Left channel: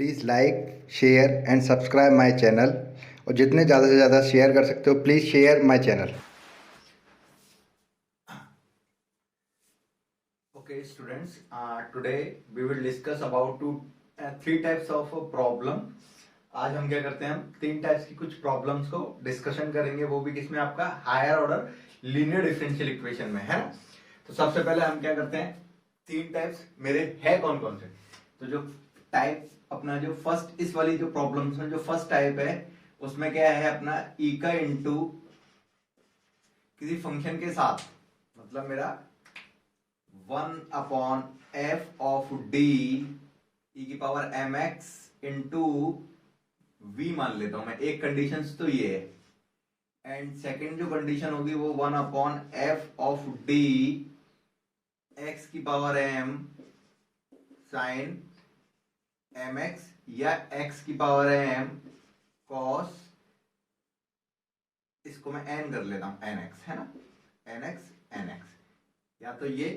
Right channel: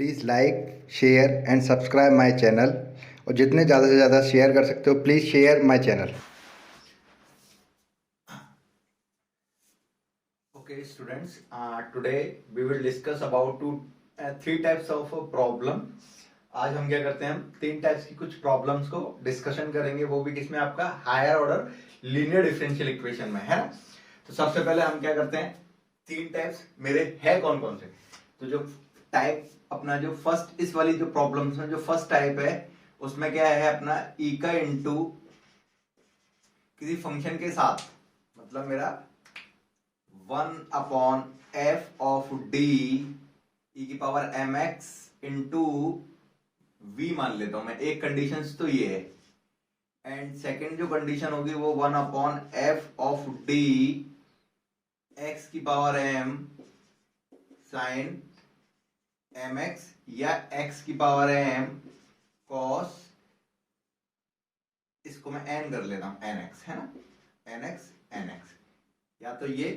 Please like share and subscribe my channel और जितने ज़्यादा से ज़्यादा शेयर कर सकते हो please share my channel. Okay, students. Today we will discuss about three types of problem. आज हम क्या करते हैं, हम तीन टाइप्स की कुछ प्रॉब्लम्स को डिस्कशन करेंगे, वो भी किसमें, आपका higher order linear differential equation में, है ना। तो सबसे पहले हम क्या करते हैं, तीन टाइप्स मेरे है कौन कौन से। तो जो टाइप अपना जो फर्स्ट इस वाली जो प्रॉब्लम्स में जो फर्स्ट टाइप है उसमें क्या है अपना ई का इंटू किसी फंक्शन के साथ, मतलब मेरा 1/f ऑफ डी ई की power M X into V मान लेता हूं मैं। एक कंडीशन तो ये है, एंड सेकेंड जो कंडीशन होगी वो 1/f ऑफ डी एक्स की power M sine M X या एक्स की पावर एम कॉस, इसको मैं एन कर लेता हूं, एन एक्स, है ना, एन एक्स एन एक्स, या तो ये।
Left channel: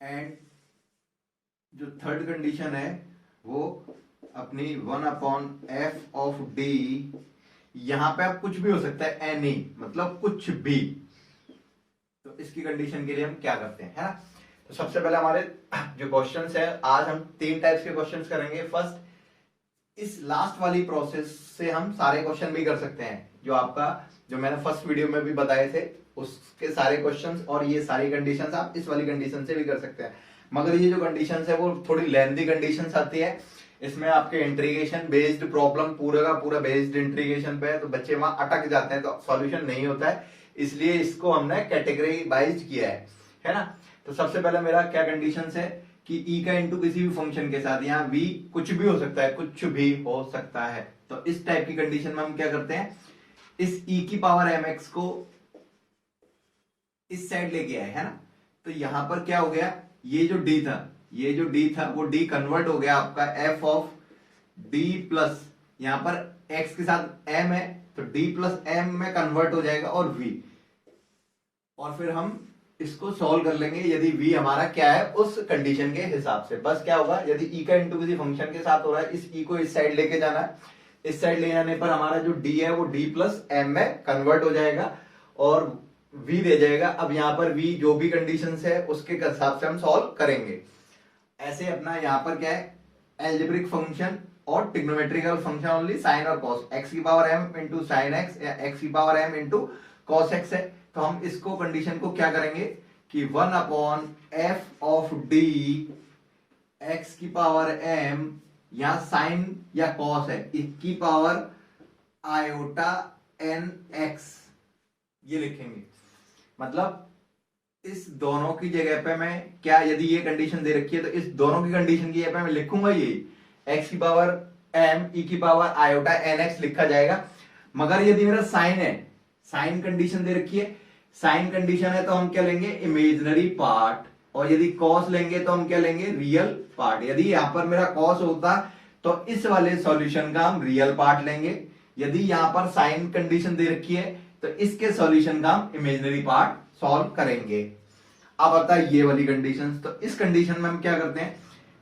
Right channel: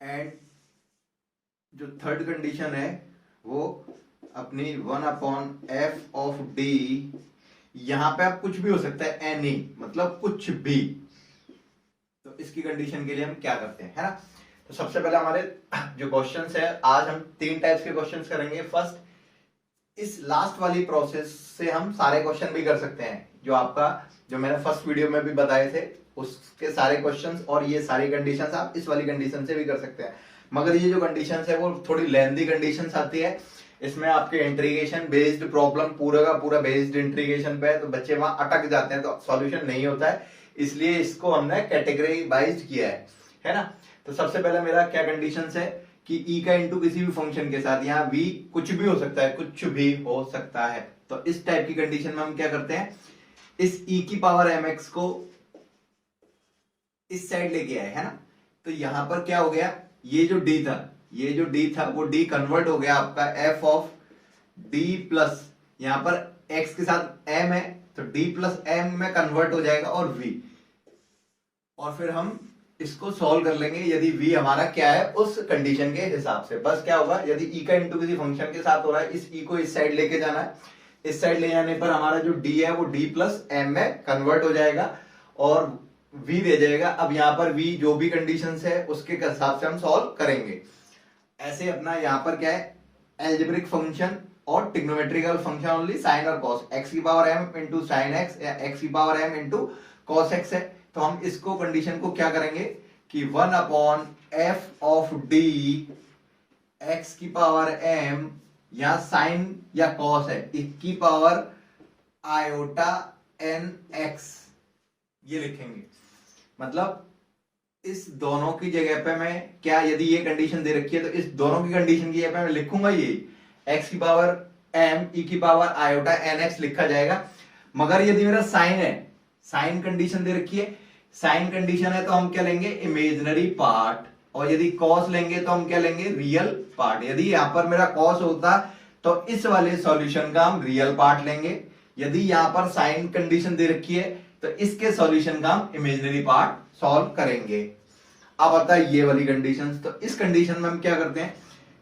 एंड जो थर्ड कंडीशन है वो अपनी 1/f ऑफ डी, यहां पे आप कुछ भी हो सकता है, एनी मतलब कुछ भी। तो इसकी कंडीशन के लिए हम क्या करते हैं, है ना। तो सबसे पहले हमारे जो क्वेश्चंस है, आज हम तीन टाइप्स के क्वेश्चंस करेंगे। फर्स्ट, इस लास्ट वाली प्रोसेस से हम सारे क्वेश्चन भी कर सकते हैं, जो आपका जो मैंने फर्स्ट वीडियो में भी बताए थे उसके सारे क्वेश्चंस, और ये सारी कंडीशंस आप इस वाली कंडीशन से भी कर सकते हैं। मगर ये जो कंडीशंस है वो थोड़ी लेंथी कंडीशंस आती है, इसमें आपके इंट्रीगेशन बेस्ड प्रॉब्लम पूरा का पूरा बेस्ड इंट्रीगेशन पे है, तो बच्चे वहां अटक जाते हैं, तो सॉल्यूशन नहीं होता है, इसलिए इसको हमने कैटेगरी वाइज किया है ना। तो सबसे पहले मेरा क्या कंडीशंस है कि ई का इंटू किसी भी फंक्शन के साथ, यहाँ वी कुछ भी हो सकता है, कुछ भी हो सकता है। तो इस टाइप की कंडीशन में हम क्या करते हैं, इस ई की पावर एम एक्स को इस साइड लेके आए, है ना। तो यहां पर क्या हो गया, ये जो डी था, ये जो डी था वो डी कन्वर्ट हो गया आपका एफ ऑफ डी प्लस, यहां पर एक्स के साथ एम है तो डी प्लस एम में कन्वर्ट हो जाएगा, और वी, और फिर हम इसको सॉल्व कर लेंगे यदि v हमारा क्या है उस कंडीशन के हिसाब से। बस क्या होगा, यदि e का इंटू किसी फंक्शन के साथ हो रहा है, इस e को इस साइड लेके जाना है, इस साइड ले जाने पर हमारा जो d है वो d प्लस एम में कन्वर्ट हो जाएगा और v दे जाएगा। अब यहाँ पर v जो भी कंडीशन है उसके हिसाब से हम सॉल्व करेंगे। ऐसे अपना यहाँ पर क्या है, एल्जेब्रिक फंक्शन और ट्रिग्नोमेट्रिकल फंक्शन ओनली साइन और कॉस, एक्स की power m into sine x या एक्स की power m into cos x है। तो हम इसको कंडीशन को क्या करेंगे कि 1/f ऑफ डी एक्स की पावर m या साइन या कॉस है, इसकी पावर आयोटा एन एक्स, ये लिखेंगे। मतलब इस दोनों की जगह पे मैं क्या, यदि ये कंडीशन दे रखी है तो इस दोनों की कंडीशन की जगह पे मैं लिखूंगा ये एक्स की पावर m ई की पावर आयोटा एन एक्स लिखा जाएगा। मगर यदि मेरा साइन है, साइन कंडीशन दे रखी है, साइन कंडीशन है तो हम क्या लेंगे, इमेजिनरी पार्ट, और यदि कॉस लेंगे तो हम क्या लेंगे, रियल पार्ट। यदि यहां पर मेरा कॉस होता तो इस वाले सॉल्यूशन का हम रियल पार्ट लेंगे, यदि यहां पर साइन कंडीशन दे रखी है तो इसके सॉल्यूशन का हम इमेजिनरी पार्ट सॉल्व करेंगे। अब आता है ये वाली कंडीशन, तो इस कंडीशन में हम क्या करते हैं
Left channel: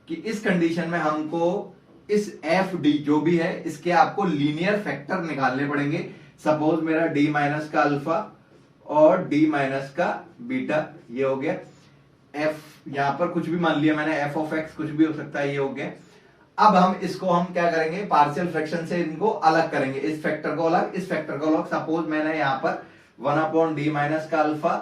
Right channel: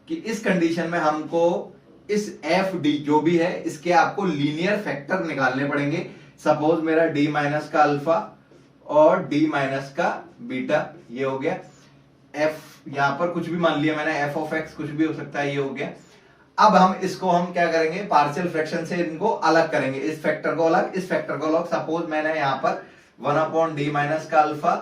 कि इस कंडीशन में हमको इस एफ डी जो भी है इसके आपको लीनियर फैक्टर निकालने पड़ेंगे। सपोज मेरा डी माइनस का अल्फा और डी माइनस का बीटा, ये हो गया। एफ यहां पर कुछ भी मान लिया मैंने, एफ ऑफ एक्स कुछ भी हो सकता है, ये हो गया। अब हम इसको हम क्या करेंगे, पार्शियल फ्रैक्शन से इनको अलग करेंगे, इस फैक्टर को अलग, इस फैक्टर को अलग। सपोज मैंने यहां पर 1/d माइनस का अल्फा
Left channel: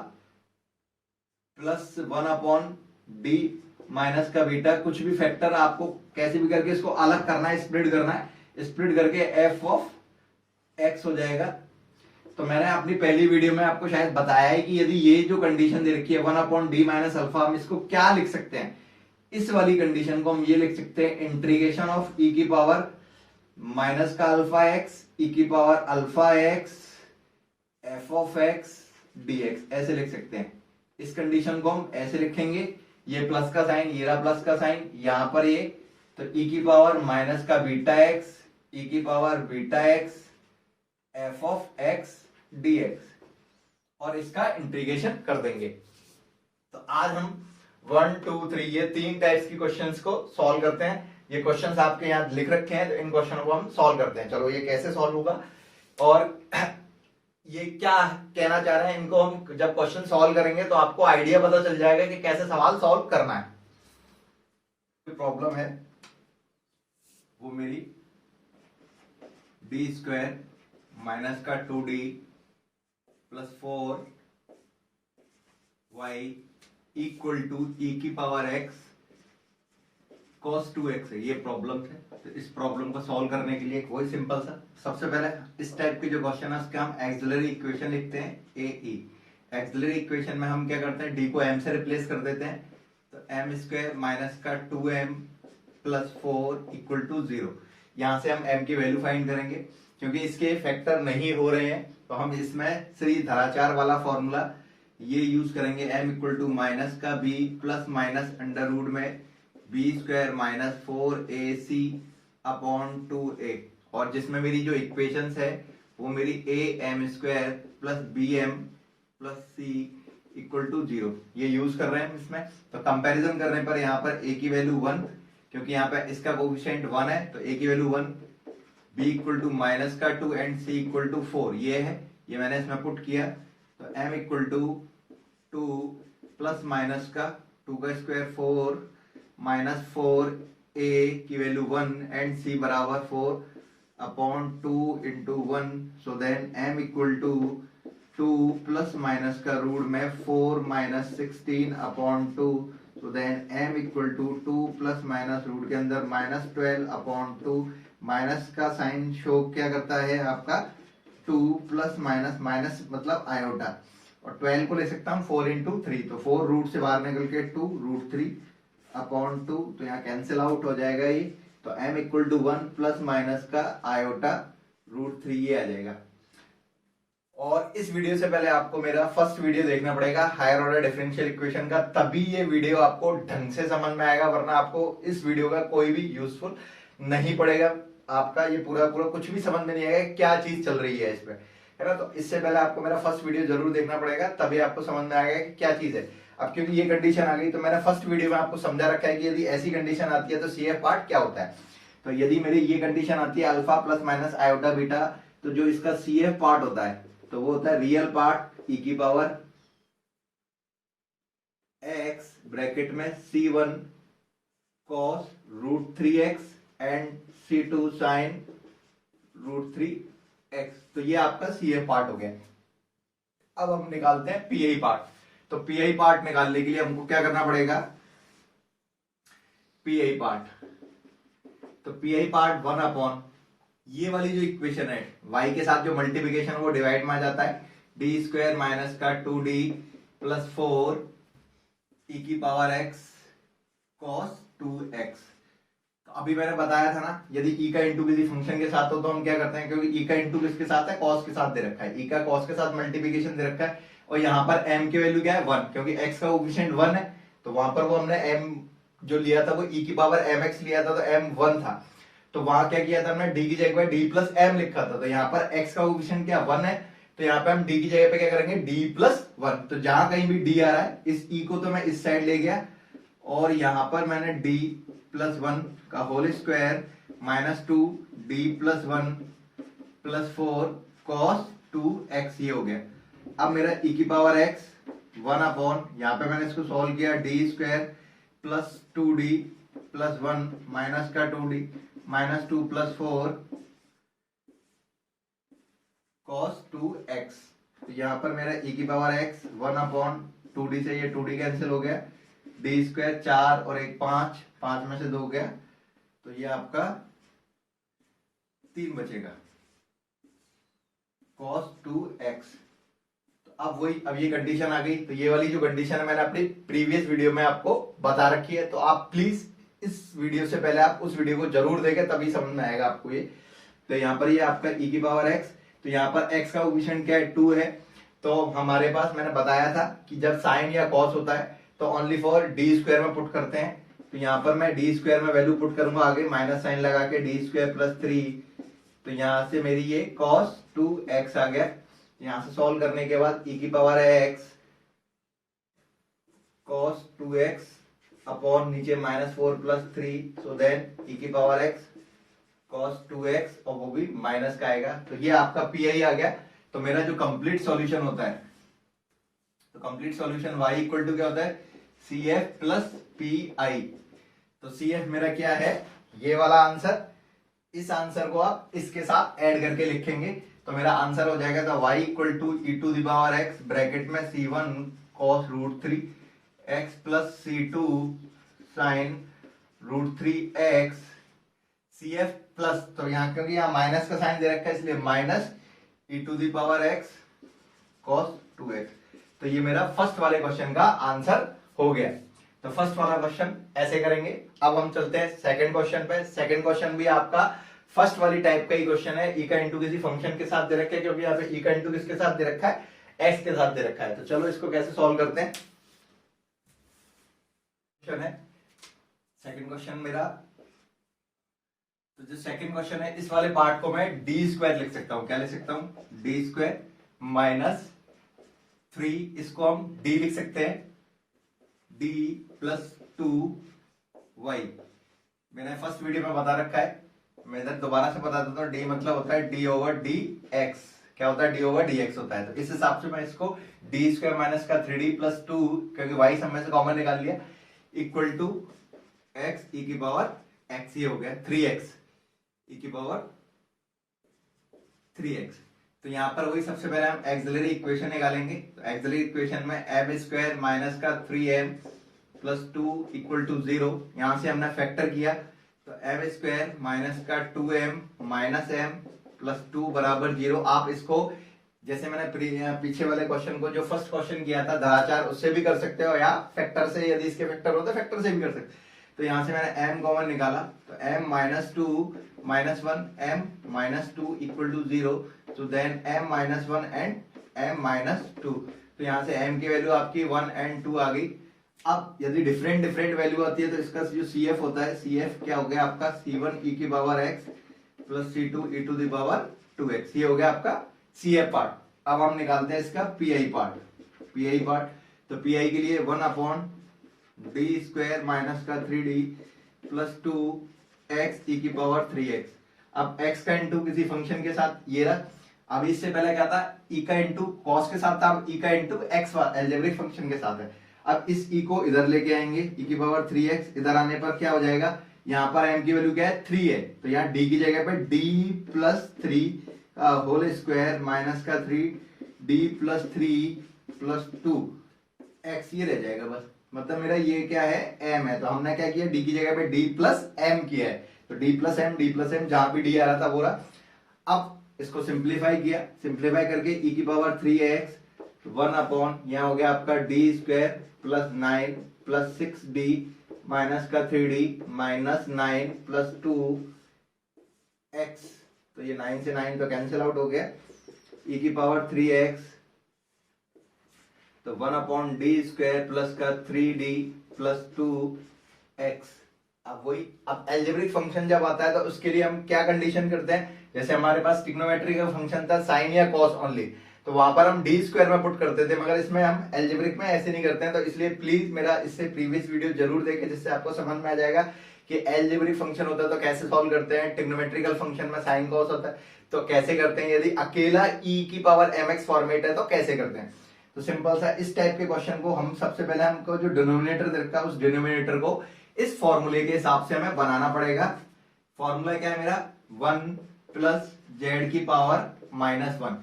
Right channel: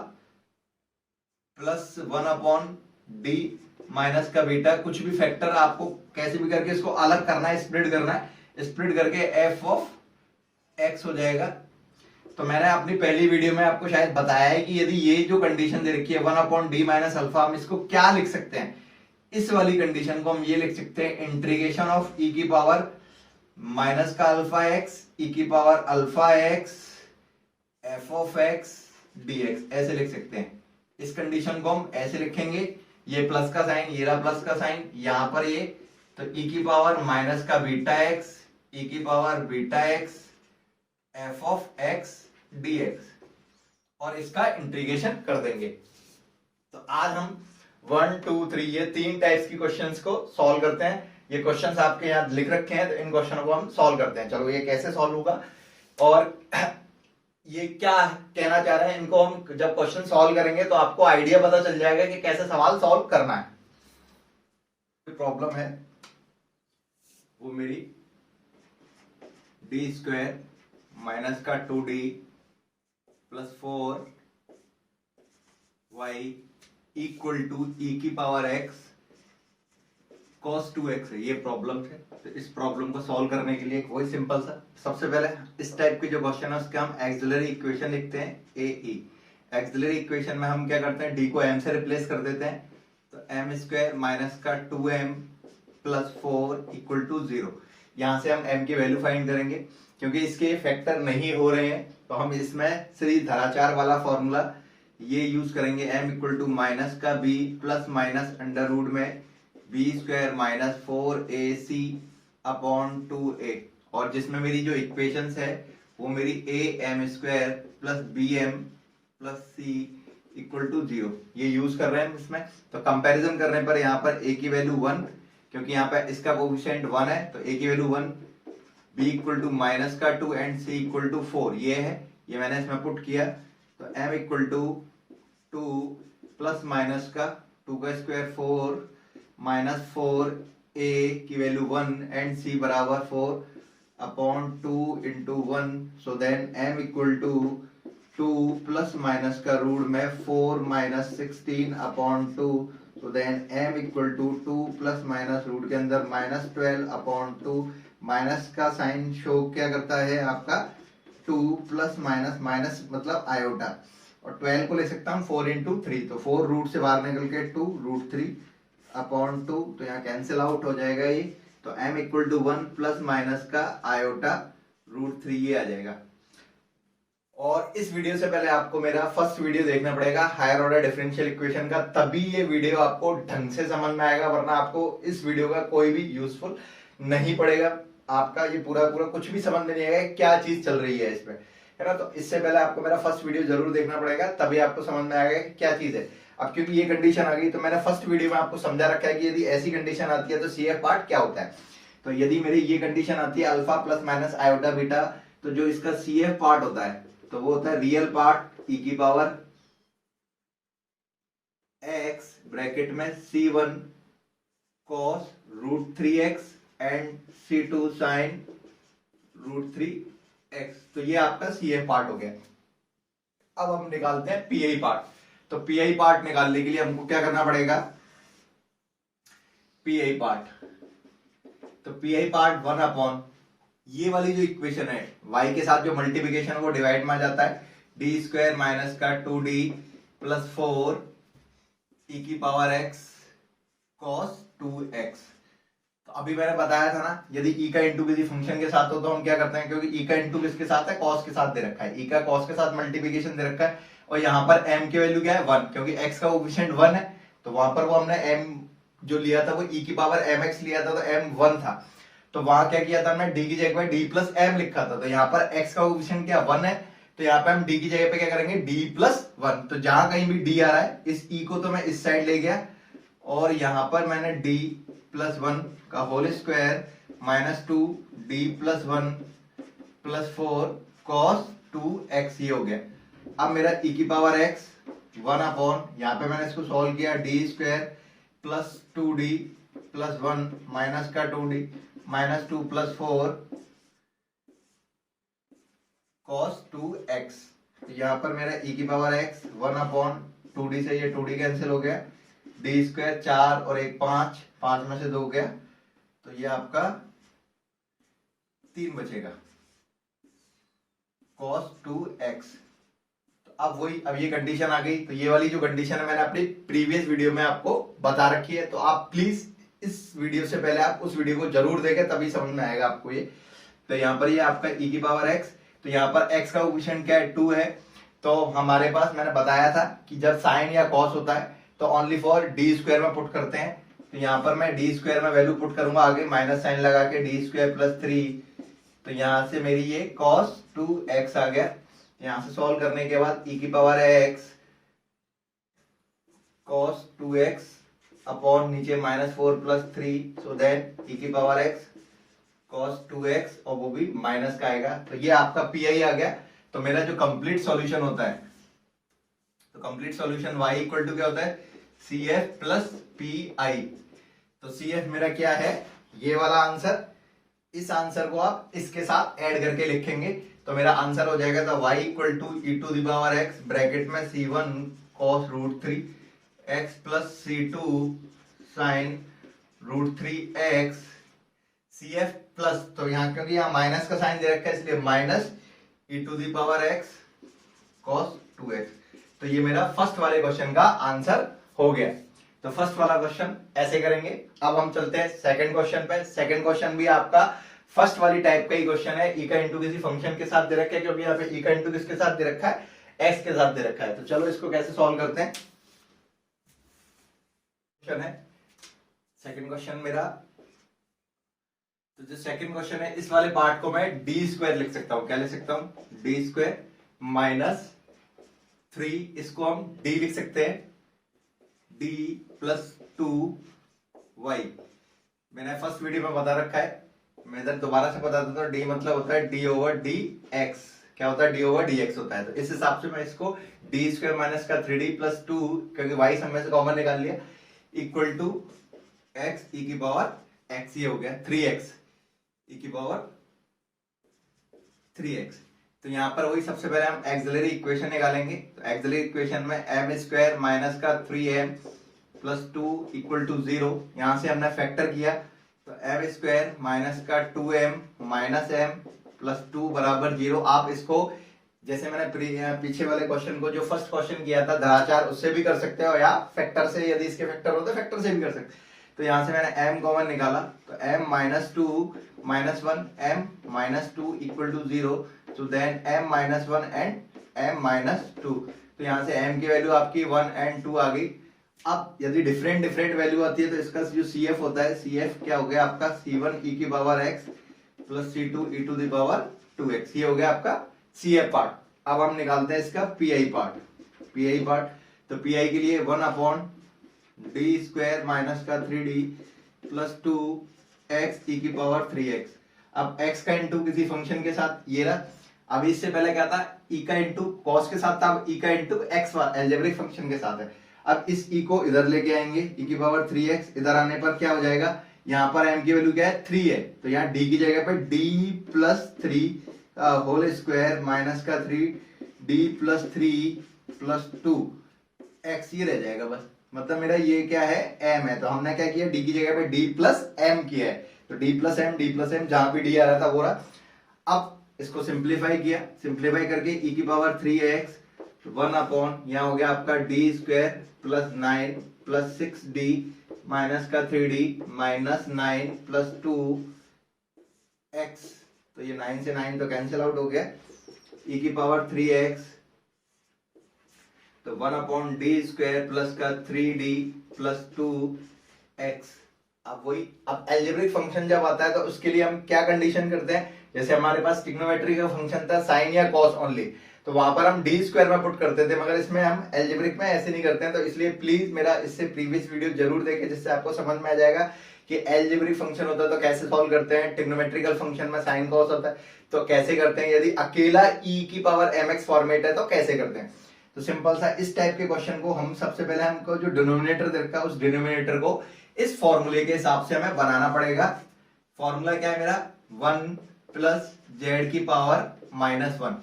प्लस 1/d माइनस का बीटा, कुछ भी फैक्टर आपको कैसे भी करके इसको अलग करना है, स्प्लिट करना है, स्प्लिट करके एफ ऑफ एक्स हो जाएगा। तो मैंने अपनी पहली वीडियो में आपको शायद बताया है कि यदि ये जो कंडीशन दे रखी है 1/d माइनस अल्फा, हम इसको क्या लिख सकते हैं, इस वाली कंडीशन को हम ये लिख सकते हैं इंटीग्रेशन ऑफ ई की पावर माइनस का अल्फा एक्स ई की power alpha X F of X D X, ऐसे लिख सकते हैं। इस कंडीशन को हम ऐसे लिखेंगे, ये प्लस का साइन, ये रहा प्लस का साइन, यहां पर ये, तो ई की पावर माइनस का बीटा एक्स ई की power beta X F of X D X, और इसका इंटीग्रेशन कर देंगे। तो आज हम 1 2 3 ये तीन टाइप्स की क्वेश्चंस को सॉल्व करते हैं। ये क्वेश्चंस आपके यहाँ लिख रखे हैं, तो इन क्वेश्चनों को हम सॉल्व करते हैं। चलो ये कैसे सॉल्व होगा और ये क्या कहना चाह रहे हैं, इनको हम जब क्वेश्चन सॉल्व करेंगे तो आपको आइडिया पता चल जाएगा कि कैसे सवाल सॉल्व करना है। प्रॉब्लम है वो मेरी डी स्क्वायर माइनस का 2d plus 4y equal to e की पावर x cos 2x है, ये प्रॉब्लम है। तो इस प्रॉब्लम को सॉल्व करने के लिए एक वही सिंपल सा, सबसे पहले इस टाइप के जो क्वेश्चन है उसके हम एक्सिलरी इक्वेशन लिखते हैं ए ई। एक्सिलरी इक्वेशन में हम क्या करते हैं, डी को m से रिप्लेस कर देते हैं, तो m स्क्वायर माइनस का 2m प्लस 4 इक्वल टू 0। यहां से हम m की वैल्यू फाइंड करेंगे, क्योंकि इसके फैक्टर नहीं हो रहे हैं तो हम इसमें श्रीधराचार्य वाला फॉर्मूला ये यूज करेंगे, m इक्वल टू माइनस का b plus minus under root में B square minus 4ac upon 2a, और जिसमें मेरी जो इक्वेशंस है वो मेरी a m square plus B M plus C equal to 0 ये यूज कर रहे हैं इसमें। तो कंपैरिजन करने पर यहाँ पर a की वैल्यू 1, क्योंकि यहाँ पे इसका कोएफिशिएंट 1 है तो a की value 1, b equal to minus का 2 एंड c इक्वल टू 4 ये है, ये मैंने इसमें पुट किया। तो m equal to 2 plus minus का 2 का स्क्वायर 4 माइनस 4a की वैल्यू 1 एंड c बराबर 4 upon 2 into 1, so then m equal to 2 plus minus का रूट में 4 minus 16 upon 2, so then m equal to 2 plus minus root के अंदर minus 12 upon 2, minus का sign show क्या करता है आपका 2 प्लस माइनस, माइनस मतलब आयोटा, और 12 को ले सकता हम 4 इंटू 3, तो 4 रूट से बाहर निकल के 2 रूट 3 अपॉन 2, तो यहाँ कैंसिल आउट हो जाएगा ये। तो m equal to 1 plus minus का आयोटा रूट 3 ये आ जाएगा। और इस वीडियो से पहले आपको मेरा फर्स्ट वीडियो देखना पड़ेगा हायर ऑर्डर डिफरेंशियल इक्वेशन का, तभी ये वीडियो आपको ढंग से समझ में आएगा, वरना आपको इस वीडियो का कोई भी यूजफुल नहीं पड़ेगा। आपका ये पूरा कुछ भी समझ में नहीं आएगा क्या चीज चल रही है इस पे, है ना। तो इससे पहले आपको मेरा फर्स्ट वीडियो जरूर देखना पड़ेगा, तभी आपको समझ में आएगा कि क्या चीज है। अब क्योंकि ये कंडीशन आ गई तो मैंने फर्स्ट वीडियो में आपको समझा रखा है कि यदि ऐसी कंडीशन आती है तो सी एफ पार्ट क्या होता है। तो यदि मेरी ये कंडीशन आती है alpha plus minus iota beta, तो जो इसका सी एफ पार्ट होता है तो वो होता है रियल पार्ट e की पावर x ब्रैकेट में c1 cos root 3x and c2 sin root 3x, तो ये आपका सी एफ पार्ट हो गया। अब हम निकालते हैं पीआई पार्ट। तो पीआई पार्ट निकालने के लिए हमको क्या करना पड़ेगा, पीआई पार्ट, तो पीआई पार्ट 1 अपॉन ये वाली जो इक्वेशन है y के साथ जो मल्टीप्लिकेशन वो डिवाइड में आ जाता है, डी स्क्वायर माइनस का 2d प्लस 4 e की पावर x cos 2x। तो अभी मैंने बताया था ना, यदि e का इंटू किसी फंक्शन के साथ हो तो हम क्या करते हैं, क्योंकि e का इंटू किसके साथ है, cos के साथ दे रखा है, e का cos के साथ मल्टीप्लिकेशन दे रखा है, और यहाँ पर m की वैल्यू क्या है 1, क्योंकि x का कोएफिशिएंट 1 है, तो वहां पर वो हमने m जो लिया था वो e की पावर mx लिया था, तो m 1 था, तो वहां क्या किया था हमने d की जगह पे d प्लस m लिखा था। तो यहाँ पर x का कोएफिशिएंट क्या 1 है, तो यहाँ पे हम d की जगह पे क्या करेंगे d प्लस 1, तो जहां कहीं भी d आ रहा है इस e को तो मैं इस साइड ले गया, और यहाँ पर मैंने d प्लस 1 का whole square minus 2 d plus 1 plus 4 cos 2x ये हो गया। अब मेरा e की पावर x 1 अपॉन, यहाँ पे मैंने इसको सॉल्व किया, D square plus 2d plus 1 minus का 2d minus 2 plus 4 cos 2x, तो यहाँ पर मेरा e की पावर x 1 अपॉन 2d से ये 2d कैंसिल हो गया, डी स्क्वायर 4 और 1 5, 5 में से 2 गया, तो ये आपका 3 बचेगा cos 2x। तो अब वही, अब ये कंडीशन आ गई, तो ये वाली जो कंडीशन है मैंने अपनी प्रीवियस वीडियो में आपको बता रखी है, तो आप प्लीज इस वीडियो से पहले आप उस वीडियो को जरूर देखें, तभी समझ में आएगा आपको ये। तो यहाँ पर ये आपका e की पावर x, तो यहाँ पर x का कोएफिशिएंट क्या है 2 है, तो हमारे पास मैंने बताया था कि जब साइन या कॉस होता है तो ओनली फॉर डी स्क्वायर में पुट करते हैं, तो यहाँ पर मैं डी स्क्वायर में वैल्यू पुट करूंगा, आगे माइनस साइन लगा के डी स्क्वायर प्लस 3, तो यहाँ से मेरी ये cos 2x आ गया। यहाँ से सॉल्व करने के बाद e की पावर है x cos 2x अपॉन नीचे -4 + 3, सो देन e की पावर x cos 2x, और वो भी माइनस का आएगा। तो ये आपका पीआई आ गया। तो मेरा जो कंप्लीट सॉल्यूशन होता है, तो complete solution y equal to क्या होता है, CF प्लस PI। तो CF मेरा क्या है, ये वाला आंसर। इस आंसर को आप इसके साथ ऐड करके लिखेंगे तो मेरा आंसर हो जाएगा था y equal to e⁻x bracket में C1 cos √3 x plus C2 sin √3x CF plus, तो यहाँ क्योंकि यहाँ माइनस का साइन दे रखा है इसलिए माइनस e⁻x cos 2x। तो ये मेरा फर्स्ट वाले क्वेश्चन का आंसर हो गया। तो फर्स्ट वाला क्वेश्चन ऐसे करेंगे। अब हम चलते हैं सेकंड क्वेश्चन पे। सेकंड क्वेश्चन भी आपका फर्स्ट वाली टाइप का ही क्वेश्चन है। ई का इंटू किसी फंक्शन के साथ दे रखा है, क्योंकि यहाँ पे ई का इंटू किसके साथ दे रखा है, एक्स के साथ दे रखा है। तो चलो इसको कैसे सॉल्व करते हैं। क्वेश्चन है सेकंड क्वेश्चन मेरा। तो जो सेकंड क्वेश्चन है इस वाले पार्ट को मैं d² लिख सकता हूं। क्या लिख सकता हूं, d² माइनस 3, इसको हम d लिख सकते हैं, d प्लस 2y। मैंने फर्स्ट वीडियो में बता रखा है, मैं इधर दोबारा से बता देता हूं। d मतलब होता है d/dx। क्या होता है, d/dx होता है। तो इस हिसाब से मैं इसको d² माइनस का 3d प्लस 2, क्योंकि y सब में से कॉमन निकाल लिया, इक्वल टू x e की पावर x, ये हो गया 3x e की पावर 3x। तो यहां पर वही सबसे पहले हम एक्सिलरी इक्वेशन निकालेंगे। तो एक्सिलरी इक्वेशन में m² माइनस का 3m प्लस 2 इक्वल टू 0, यहां से हमने फैक्टर किया। तो m² माइनस का 2m माइनस m प्लस 2 बराबर 0। आप इसको जैसे मैंने पीछे वाले क्वेश्चन को, जो फर्स्ट क्वेश्चन किया था धाराचार, उससे भी कर सकते हो, या फैक्टर से, यदि इसके फैक्टर हो तो फैक्टर से भी कर सकते। तो यहां से मैंने m कॉमन निकाला, तो m minus 2 minus 1 m minus 2 equal to 0, तो then m minus 1 and m minus 2। तो यहां से m की वैल्यू आपकी 1 एंड 2 आ गई। अब यदि डिफरेंट वैल्यू आती है तो इसका जो CF होता है, CF क्या हो गया आपका, C1 e की power x plus C2 e to the power 2x। ये हो गया आपका CF पार्ट। अब हम निकालते हैं इसका PI पार्ट। तो PI के लिए 1/d² माइनस का 3d प्लस 2x e की पावर 3x। अब x का इंटू किसी फंक्शन के साथ ये रहा। अब इससे पहले क्या था, e का इंटू cos के साथ था, अब e का इंटू x एल्जेब्रिक फंक्शन के साथ है। अब इस e को इधर लेके आएंगे, e की पावर 3x। इधर आने पर क्या हो जाएगा, यहाँ पर m की वैल्यू क्या है, 3 है, तो यहाँ d की जगह पर d plus 3 whole square minus का 3d प्लस 3 प्लस 2x, ये रह जाएगा बस। मतलब मेरा ये क्या है, m है, तो हमने क्या किया, d की जगह पे d प्लस m किया है। तो d प्लस m जहां भी d आ रहा था वो रहा। अब इसको सिंप्लीफाई किया, सिंप्लीफाई करके e की पावर 3x 1 अपॉन, यहाँ हो गया आपका d² plus 9 plus 6d minus का 3d माइनस 9 प्लस 2x। तो ये 9 से 9 तो कैंसिल आउट हो गया, e की पावर 3x, तो 1 अपॉन d² प्लस का 3d प्लस 2x। अब वही, अब एल्जेब्रिक फंक्शन जब आता है तो उसके लिए हम क्या कंडीशन करते हैं, जैसे हमारे पास ट्रिग्नोमेट्री का फंक्शन था साइन या कॉस ओनली, तो वहां पर हम d² में पुट करते थे, मगर इसमें हम एल्जेब्रिक में ऐसे नहीं करते हैं। तो इसलिए प्लीज मेरा इससे प्रीवियस वीडियो जरूर देखें, जिससे आपको समझ में आ जाएगा कि एल्जेब्रिक फंक्शन होता है तो कैसे सॉल्व करते हैं, ट्रिग्नोमेट्रिकल फंक्शन में साइन कॉस होता है तो कैसे करते हैं, यदि अकेला e की पावर mx फॉर्मेट है तो कैसे करते हैं। तो सिंपल सा इस टाइप के क्वेश्चन को हम सबसे पहले, हमको जो डिनोमिनेटर दे रखा है उस डिनोमिनेटर को इस फॉर्मूले के हिसाब से हमें बनाना पड़ेगा। फॉर्मूला क्या है मेरा, 1 प्लस जेड की पावर माइनस 1।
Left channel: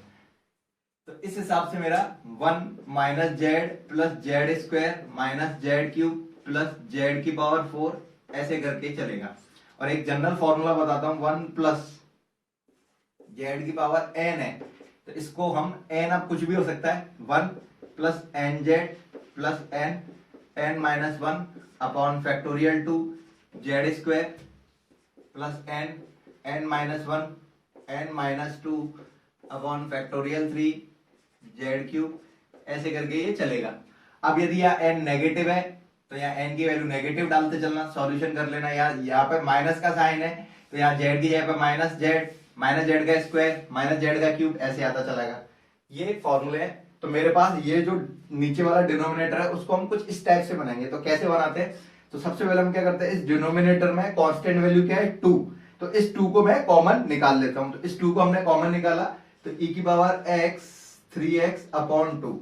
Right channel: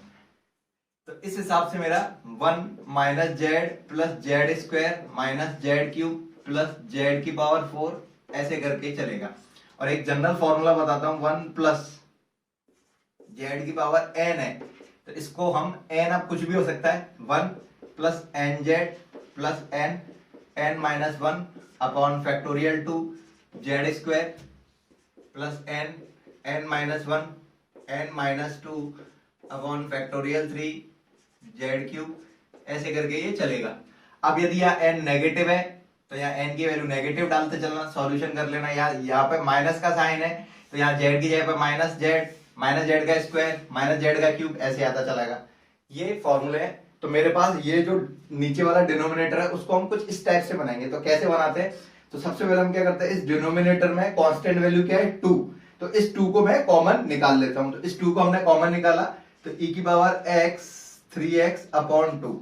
तो इस हिसाब से मेरा 1 minus Z plus Z square minus Z cube plus Z की पावर 4, ऐसे करके चलेगा। और एक जनरल फॉर्मूला बताता हूं, 1 प्लस जेड की पावर n है, तो इसको हम n, अब कुछ भी हो सकता है, 1 plus N Z plus n minus 1 upon factorial 2 Z square plus n minus 1 n minus 2 upon factorial 3 Z cube, ऐसे करके ये चलेगा। अब यदि यहाँ n नेगेटिव है तो यहाँ n की वैल्यू नेगेटिव डालते चलना, सॉल्यूशन कर लेना। यहाँ पे माइनस का साइन है तो यहाँ z की जगह पे माइनस जेड का स्क्वायर माइनस जेड का क्यूब, ऐसे आता चलेगा। ये फॉर्मूले है। तो मेरे पास ये जो नीचे वाला डिनोमिनेटर है उसको हम कुछ इस टाइप से बनाएंगे। तो कैसे बनाते हैं, तो सबसे पहले हम क्या करते हैं, इस डिनोमिनेटर में कांस्टेंट वैल्यू क्या है 2, तो इस 2 को मैं कॉमन निकाल लेता हूं। तो इस 2 को हमने कॉमन निकाला तो e की पावर x 3x अपॉन 2,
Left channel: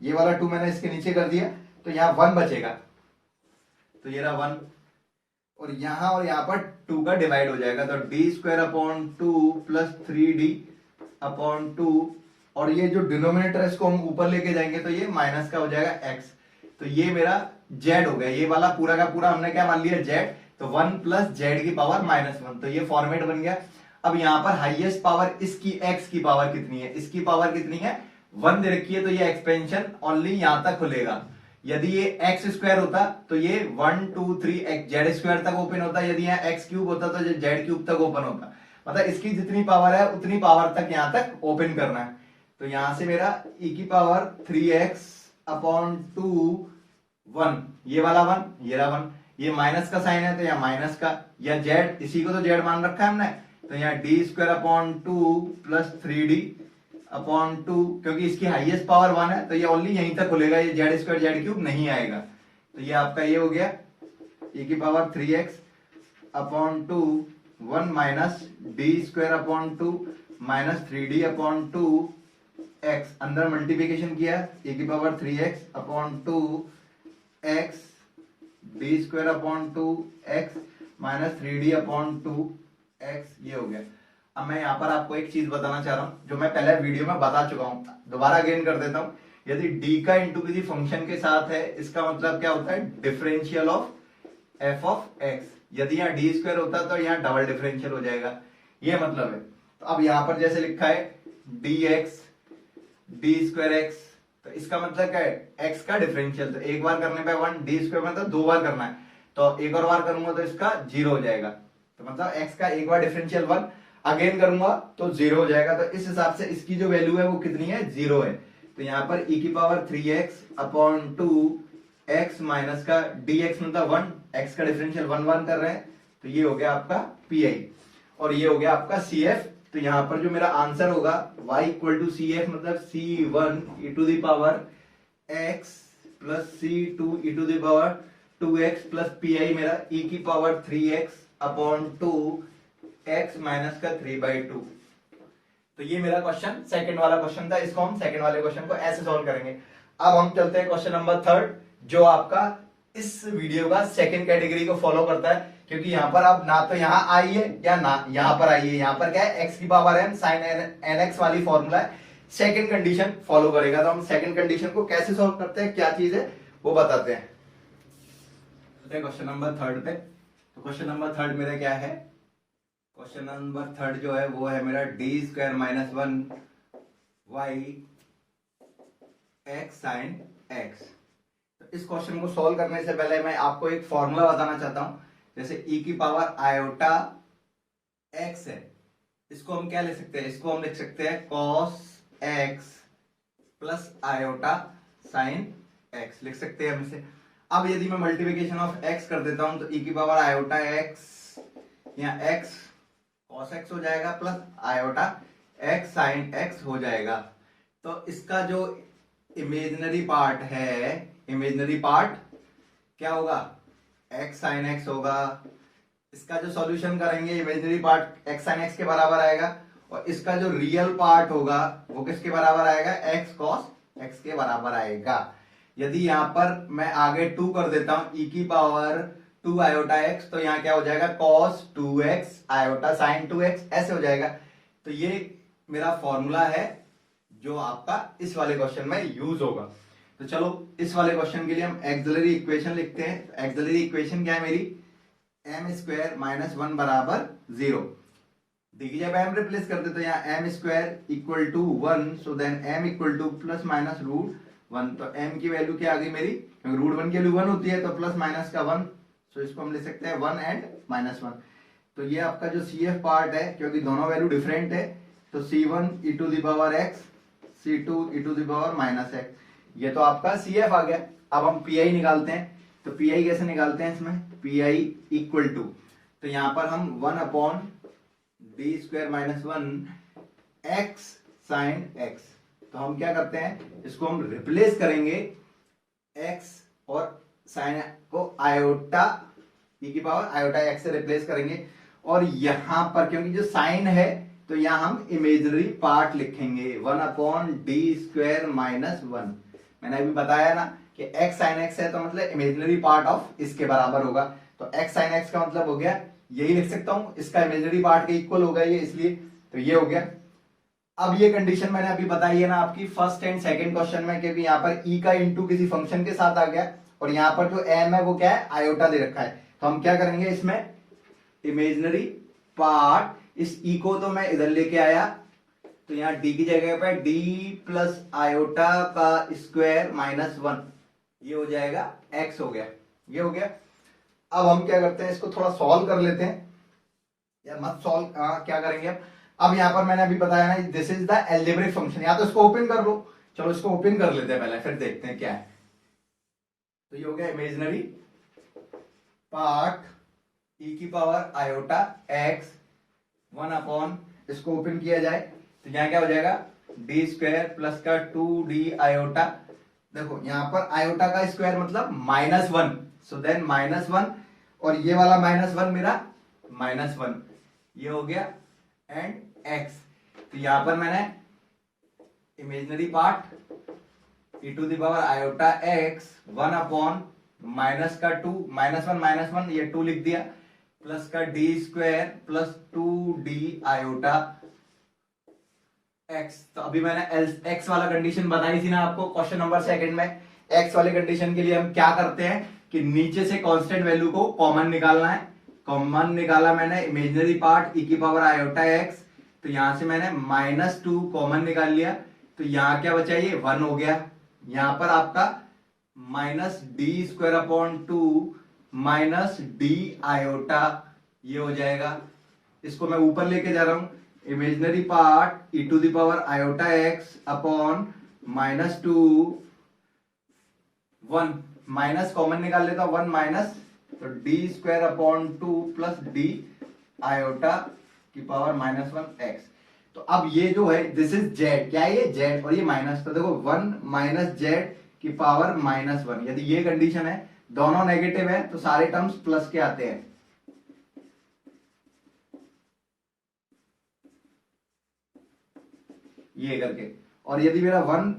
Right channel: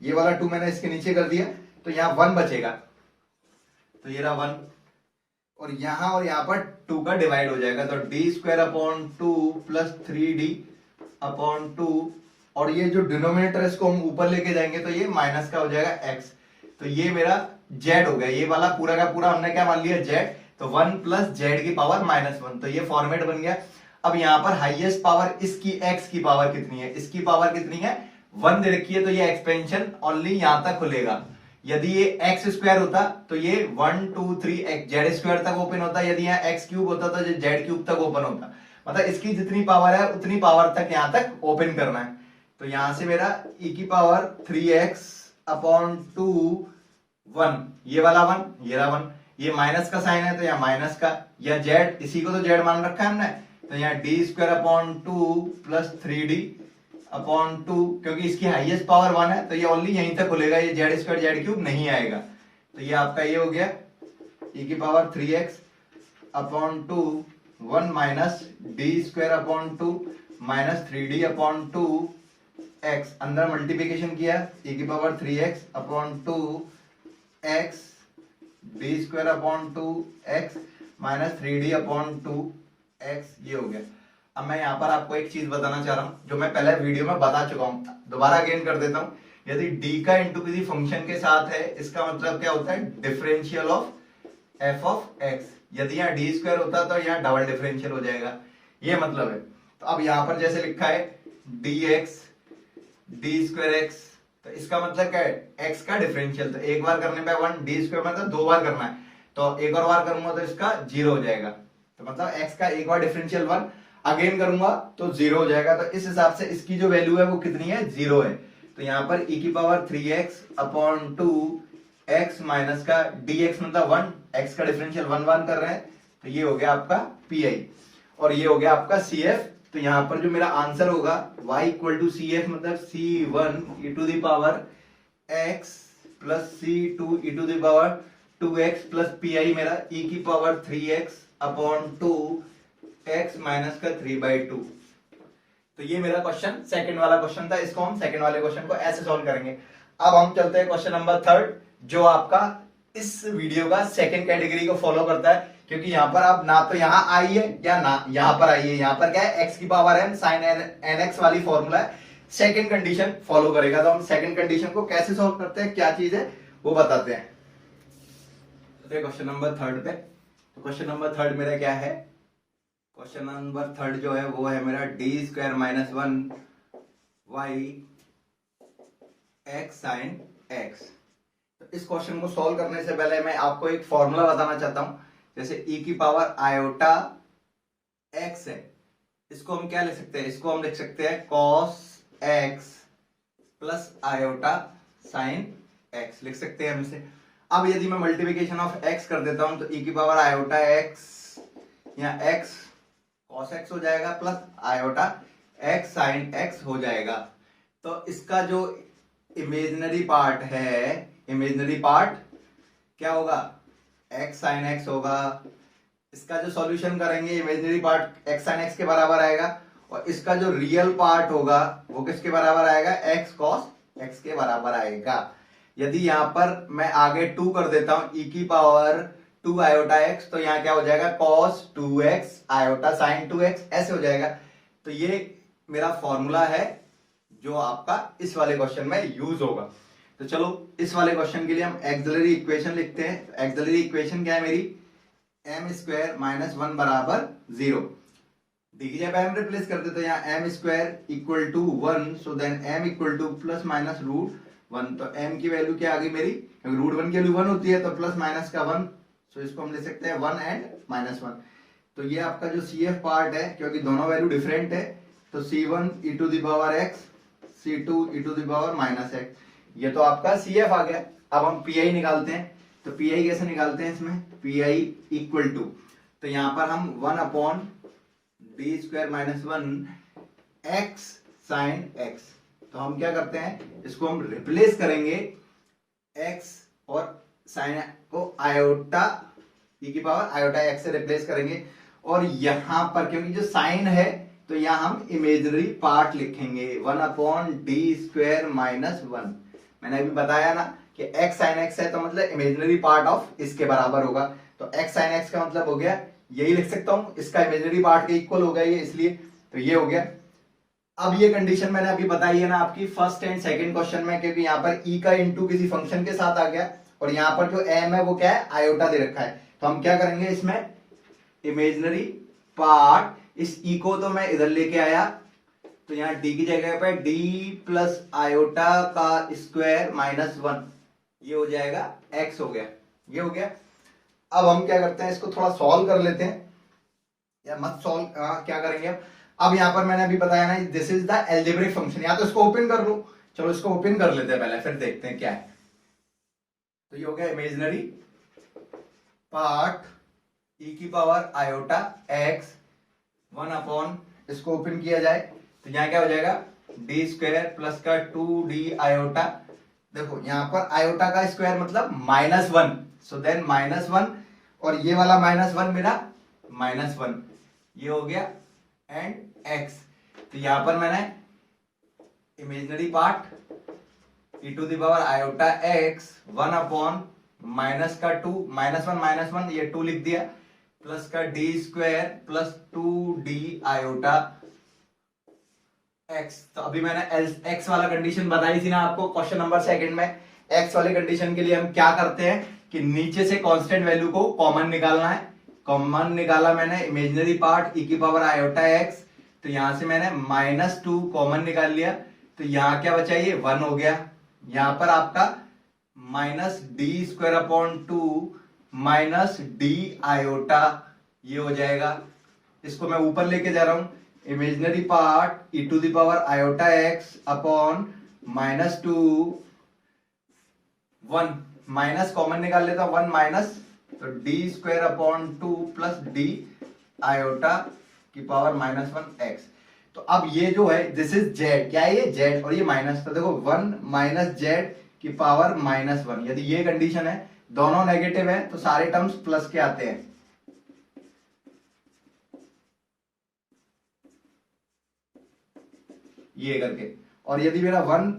ये वाला 2 मैंने इसके नीचे कर दिया, तो यहाँ 1 बचेगा, तो ये रहा 1, और यहाँ पर 2 का डिवाइड हो जाएगा, तो D square upon 2 plus 3d upon 2, और ये जो डिनोमिनेटर है इसको हम ऊपर लेके जाएंगे तो ये माइनस का हो जाएगा x, तो ये मेरा z हो गया, ये वाला पूरा का पूरा हमने क्या मान लिया z, तो 1 प्लस जेड की पावर -1, तो ये फॉर्मेट बन गया। अब यहाँ पर हाईएस्ट पावर इसकी x की पावर कितनी है, इसकी पावर कितनी है 1 दे रखी है, तो ये एक्सपेंशन ओनली यहां तक खुलेगा। यदि ये एक्स स्क्वायर होता तो ये 1 2 3 जेड स्क्वायर तक ओपन होता, यदि यहाँ एक्स क्यूब होता तो ये जेड क्यूब तक ओपन होता, मतलब इसकी जितनी पावर है उतनी पावर तक यहां तक ओपन करना है। तो यहां से मेरा e की पावर 3x अपॉन 2 1, ये वाला 1, ये रहा 1, ये माइनस का साइन है तो यहाँ माइनस का, या जेड, इसी को तो जेड मान रखा है हमने, तो यहाँ D square upon 2 plus 3d upon 2, क्योंकि इसकी हाईएस्ट पावर 1 है तो ये ओनली यहीं तक खुलेगा, ये जेड स्क्वायर जेड क्यूब नहीं आएगा। तो ये आपका ये हो गया e की पावर 3x upon 2 1 minus D square upon 2 minus 3d upon 2 x, अंदर मल्टीप्लिकेशन किया e की पावर 3x upon 2 x D square upon 2 x minus 3d upon 2 x, ये हो गया। अब मैं यहाँ पर आपको एक चीज बताना चाह रहा हूँ जो मैं पहले वीडियो में बता चुका हूँ, दोबारा अगेन कर देता हूँ। यदि d का इंटू किसी फंक्शन के साथ है, इसका मतलब क्या होता है, differential of f of x। यदि यहाँ डी स्क्वायर होता तो यहाँ डबल डिफरेंशियल हो जाएगा, ये मतलब है। तो अब यहाँ पर जैसे लिखा है dx डी स्क्वायर एक्स, तो इसका मतलब क्या है, x का डिफरेंशियल, तो एक बार करने पे 1, डी स्क्वायर मतलब 2 बार करना है, तो एक और बार करूंगा तो इसका 0 हो जाएगा, तो मतलब x का एक बार डिफरेंशियल 1, अगेन करूंगा तो 0 हो जाएगा। तो इस हिसाब से इसकी जो वैल्यू है वो कितनी है, 0 है। तो यहाँ पर e की पावर 3x अपॉन 2 x माइनस का dx मतलब 1, x का डिफरेंशियल 1 1 कर रहे हैं, तो ये हो गया आपका pi, और ये हो गया आपका cf। तो यहाँ पर जो मेरा आंसर होगा y equal to C F, मतलब c1 e to the power x plus c2 e to the power 2x plus pi मेरा e की पावर 3x अपॉन 2 x माइनस का 3/2। तो ये मेरा क्वेश्चन सेकंड वाला क्वेश्चन था, इसको हम सेकंड वाले क्वेश्चन को ऐसे सॉल्व करेंगे। अब हम चलते हैं क्वेश्चन नंबर 3, जो आपका इस वीडियो का सेकंड कैटेगरी को फॉलो करता है, क्योंकि यहाँ पर आप ना तो यहाँ आई है या ना यहाँ पर आई है, यहाँ पर क्या है x की पावर n साइन nx वाली फॉर्मूला है, सेकंड कंडीशन फॉलो करेगा। तो हम सेकंड कंडीशन को कैसे सॉल्व करते हैं, क्या चीज है वो बताते हैं। क्वेश्चन नंबर 3 पे, तो क्वेश्चन नंबर 3 मेरा क्या है, क्वेश्चन नंबर 3 जो है वो है मेरा D square minus 1 Y X sine X. तो इस क्वेश्चन को सॉल्व करने से पहले मैं आपको एक फॉर्मूला बताना चाहता हूं। जैसे e की पावर आयोटा x है, इसको हम क्या लिख सकते हैं, इसको हम लिख सकते हैं cos x plus iota sign x लिख सकते हैं हम इसे। अब यदि मैं मल्टीप्लिकेशन ऑफ x कर देता हूं तो e की पावर आयोटा x, यहाँ x cos x हो जाएगा plus iota x sine x हो जाएगा। तो इसका जो इमेजिनरी पार्ट है, इमेजिनरी पार्ट क्या होगा, x साइन x होगा। इसका जो सॉल्यूशन करेंगे imaginary part x sine x के बराबर आएगा, और इसका जो रियल पार्ट होगा वो किसके बराबर आएगा, x cos x के बराबर आएगा। यदि यहाँ पर मैं आगे 2 कर देता हूं e की पावर 2 आयोटा x, तो यहाँ क्या हो जाएगा cos 2x iota sine 2x, ऐसे हो जाएगा। तो ये मेरा फॉर्मूला है जो आपका इस वाले क्वेश्चन में यूज होगा। तो चलो इस वाले क्वेश्चन के लिए हम एक्सिलरी इक्वेशन लिखते हैं। एक्सिलरी इक्वेशन क्या है मेरी, m स्क्वायर माइनस 1 बराबर 0। देखिए जब m रिप्लेस करते तो यहाँ m square equal to 1, so then m equal to plus minus root 1। तो m की वैल्यू क्या आ गई मेरी, क्योंकि रूट 1 की वैल्यू 1 होती है, तो प्लस माइनस का 1, सो इसको हम ले सकते हैं 1 एंड माइनस 1। तो ये आपका जो CF पार्ट है, क्योंकि दोनों वैल्यू डिफरेंट है, तो C1 e to the power x, C2 e to the power minus x, ये तो आपका CF आ गया। अब हम PI निकालते हैं, तो PI कैसे निकालते हैं, इसमें PI इक्वल टू, तो यहां पर हम 1 upon D square minus 1 x sine x, तो हम क्या करते हैं, इसको हम रिप्लेस करेंगे x और साइन को आयोटा ई की पावर आयोटा एक्स से रिप्लेस करेंगे, और यहां पर क्योंकि जो साइन है तो यहां हम इमेजनरी पार्ट लिखेंगे 1/d² - 1। मैंने अभी बताया ना कि x sin x है तो मतलब इमेजनरी पार्ट ऑफ इसके बराबर होगा, तो x sin x का मतलब हो गया यही लिख सकता हूं, इसका इमेजनरी पार्ट के इक्वल होगा ये, इसलिए तो ये हो गया। अब ये कंडीशन मैंने अभी बताई है ना आपकी फर्स्ट एंड सेकंड क्वेश्चन में, क्योंकि यहाँ पर e का इंटू किसी फंक्शन के साथ आ गया और यहाँ पर जो m है वो क्या है, आयोटा दे रखा है, तो हम क्या करेंगे इसमें इमेजनरी पार्ट, इस e को तो मैं इधर लेके आया, तो यहाँ d की जगह पे d प्लस आयोटा का स्क्वायर -1, ये हो जाएगा x हो गया, ये हो गया। अब हम क्या करते हैं, इसको थोड़ा सॉल्व कर लेते हैं, या मत सॉल्व क्या करेंगे अब यहाँ पर मैंने अभी बताया ना this is the algebraic function, या तो इसको ओपन कर लो, चलो इसको ओपन कर लेते हैं पहले, फिर देखते हैं क्या है। तो ये हो गया इमेजनरी पार्ट e की पावर आयोटा x 1/, इसको ओपन किया जाए तो यहाँ क्या हो जाएगा d² प्लस का 2d आयोटा, देखो यहाँ पर आयोटा का स्क्वायर मतलब -1, सो देन -1, और ये वाला -1 मेरा -1, ये हो गया एंड x। तो यहां पर मैंने imaginary part e to the power iota x 1/, minus का 2, -1 ये 2 लिख दिया, प्लस का d² plus 2d iota x। तो अभी मैंने x वाला कंडीशन बताई थी ना आपको क्वेश्चन नंबर सेकंड में, x वाले कंडीशन के लिए हम क्या करते हैं कि नीचे से कांस्टेंट वैल्यू को कॉमन निकालना है, कॉमन निकाला मैंने इमेजनरी पार्ट e की पावर आयोटा x, तो यहां से मैंने -2 कॉमन निकाल लिया, तो यहां क्या बचा, ये 1 हो गया, यहां पर आपका -d² माइनस d आयोटा, ये हो जाएगा, इसको मैं ऊपर लेके जा रहा हूं, imaginary part e to the power iota x upon -2, 1 minus common निकाल लेता हूं, 1 माइनस, तो d²/2 प्लस d आयोटा की पावर -1 x। तो अब ये जो है दिस इज z, क्या है ये z, और ये माइनस, तो देखो 1 माइनस z की पावर -1, यदि ये कंडीशन है दोनों नेगेटिव है तो सारे टर्म्स प्लस के आते हैं, ये करके, और यदि मेरा 1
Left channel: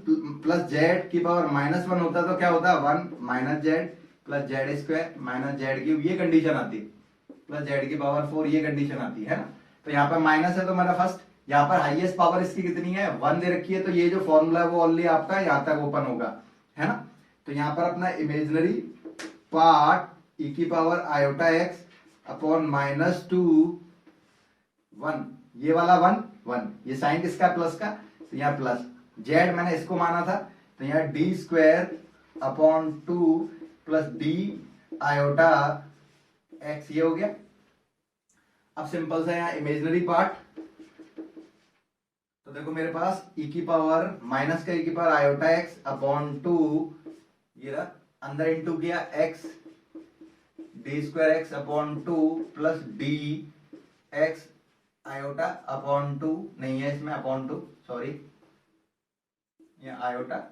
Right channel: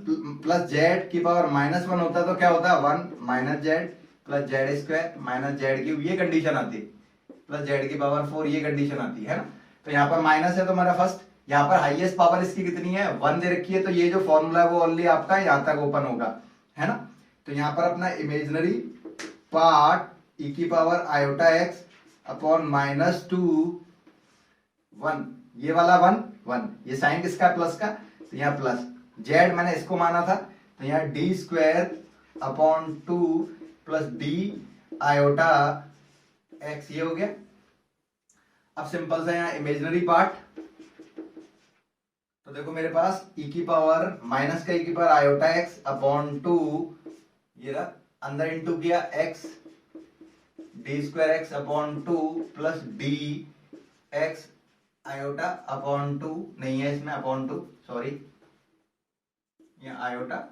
प्लस z की पावर -1 होता तो क्या होता, 1 minus z plus z² minus z3, ये कंडीशन आती, प्लस z की पावर 4, ये कंडीशन आती है ना। तो यहाँ पर माइनस है तो मेरा फर्स्ट, यहाँ पर हाईएस्ट पावर इसकी कितनी है 1 दे रखी है, तो ये जो फॉर्मूला है वो ओनली आपका यहाँ तक ओपन होगा, है ना। तो यहाँ पर अपना इमेजनरी पार्ट e की पावर आयोटा x अपॉन -2 1, ये वाला 1 ये साइन किसका प्लस का, तो यहाँ प्लस, z मैंने इसको माना था, तो यहाँ d²/2 plus d iota x, ये हो गया। अब सिंपल सा यहाँ इमेजनरी पार्ट, तो देखो मेरे पास e की पावर माइनस का e की पावर आयोटा x अपॉन 2, ये रहा, अंदर इंटू किया x d²x upon 2 plus d x iota upon 2, नहीं है इसमें अपॉन 2, सॉरी, ये आयोटा,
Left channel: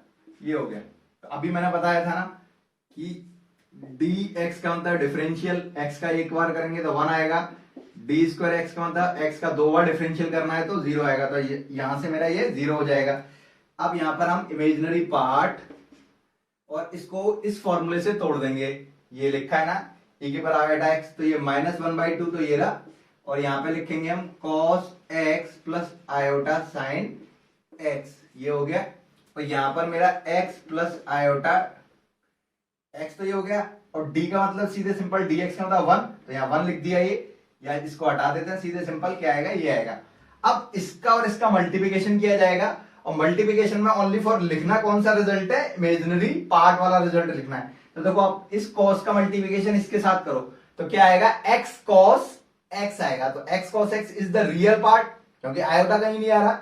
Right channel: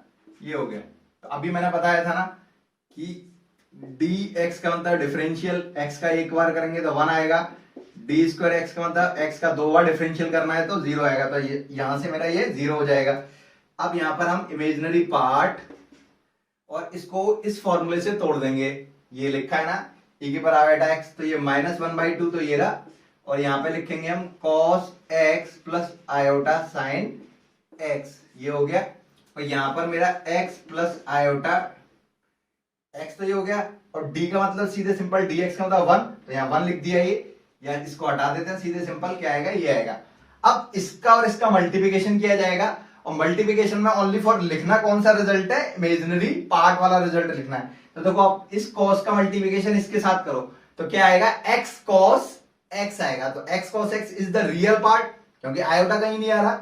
ये हो गया। तो अभी मैंने बताया था ना कि dx का मतलब डिफरेंशियल x का एक बार करेंगे तो 1 आएगा, d²x का मतलब x का 2 बार डिफरेंशियल करना है तो 0 आएगा, तो यहां से मेरा ये 0 हो जाएगा। अब यहां पर हम इमेजनरी पार्ट और इसको इस फॉर्मूले से तोड़ देंगे, ये लिखा है ना e की पावर आयोटा x, तो ये -1/2 तो ये रहा, और यहां पे लिखेंगे हम cos x plus iota sign x, ये हो गया, और यहां पर मेरा x प्लस आयोटा x तो ये हो गया, और d का मतलब सीधे सिंपल dx का मतलब 1, तो यहाँ 1 लिख दिया ये, या इसको हटा देते हैं, सीधे सिंपल क्या आएगा, ये आएगा। अब इसका और इसका मल्टीप्लिकेशन किया जाएगा, और मल्टीप्लिकेशन में ओनली फॉर लिखना कौन सा रिजल्ट है, इमेजिनरी पार्ट वाला रिजल्ट लिखना है। तो देखो आप इस cos का मल्टीप्लिकेशन इसके साथ करो तो क्या आएगा, x cos x आएगा, तो x cos x is the real part, क्योंकि आयोटा कहीं नहीं आ रहा,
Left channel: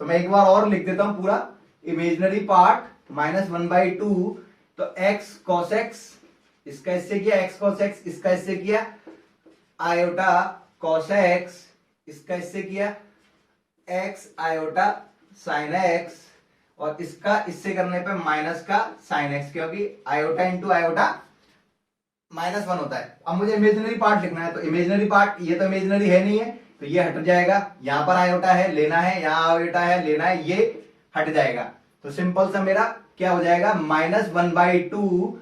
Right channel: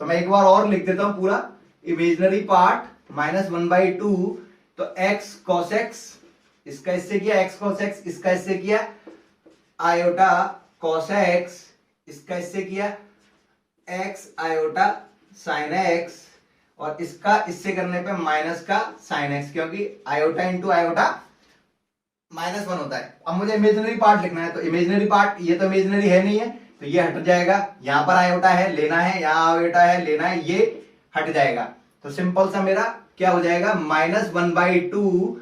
तो मैं एक बार और लिख देता हूं पूरा, इमेजिनरी पार्ट -1/2, तो x cos x इसका इससे किया, x cos x इसका इससे किया, आयोटा cos x इसका इससे किया, x आयोटा sin x, और इसका इससे करने पे माइनस का sin x, क्योंकि आयोटा इंटू आयोटा -1 होता है। अब मुझे इमेजिनरी पार्ट लिखना है, तो इमेजिनरी पार्ट, ये तो इमेजिनरी है नहीं है, तो ये हट जाएगा। यहां पर आयोटा है, लेना है, यहां आयोटा है, लेना है, ये हट जाएगा। तो सिंपल सा मेरा क्या हो जाएगा, -1/2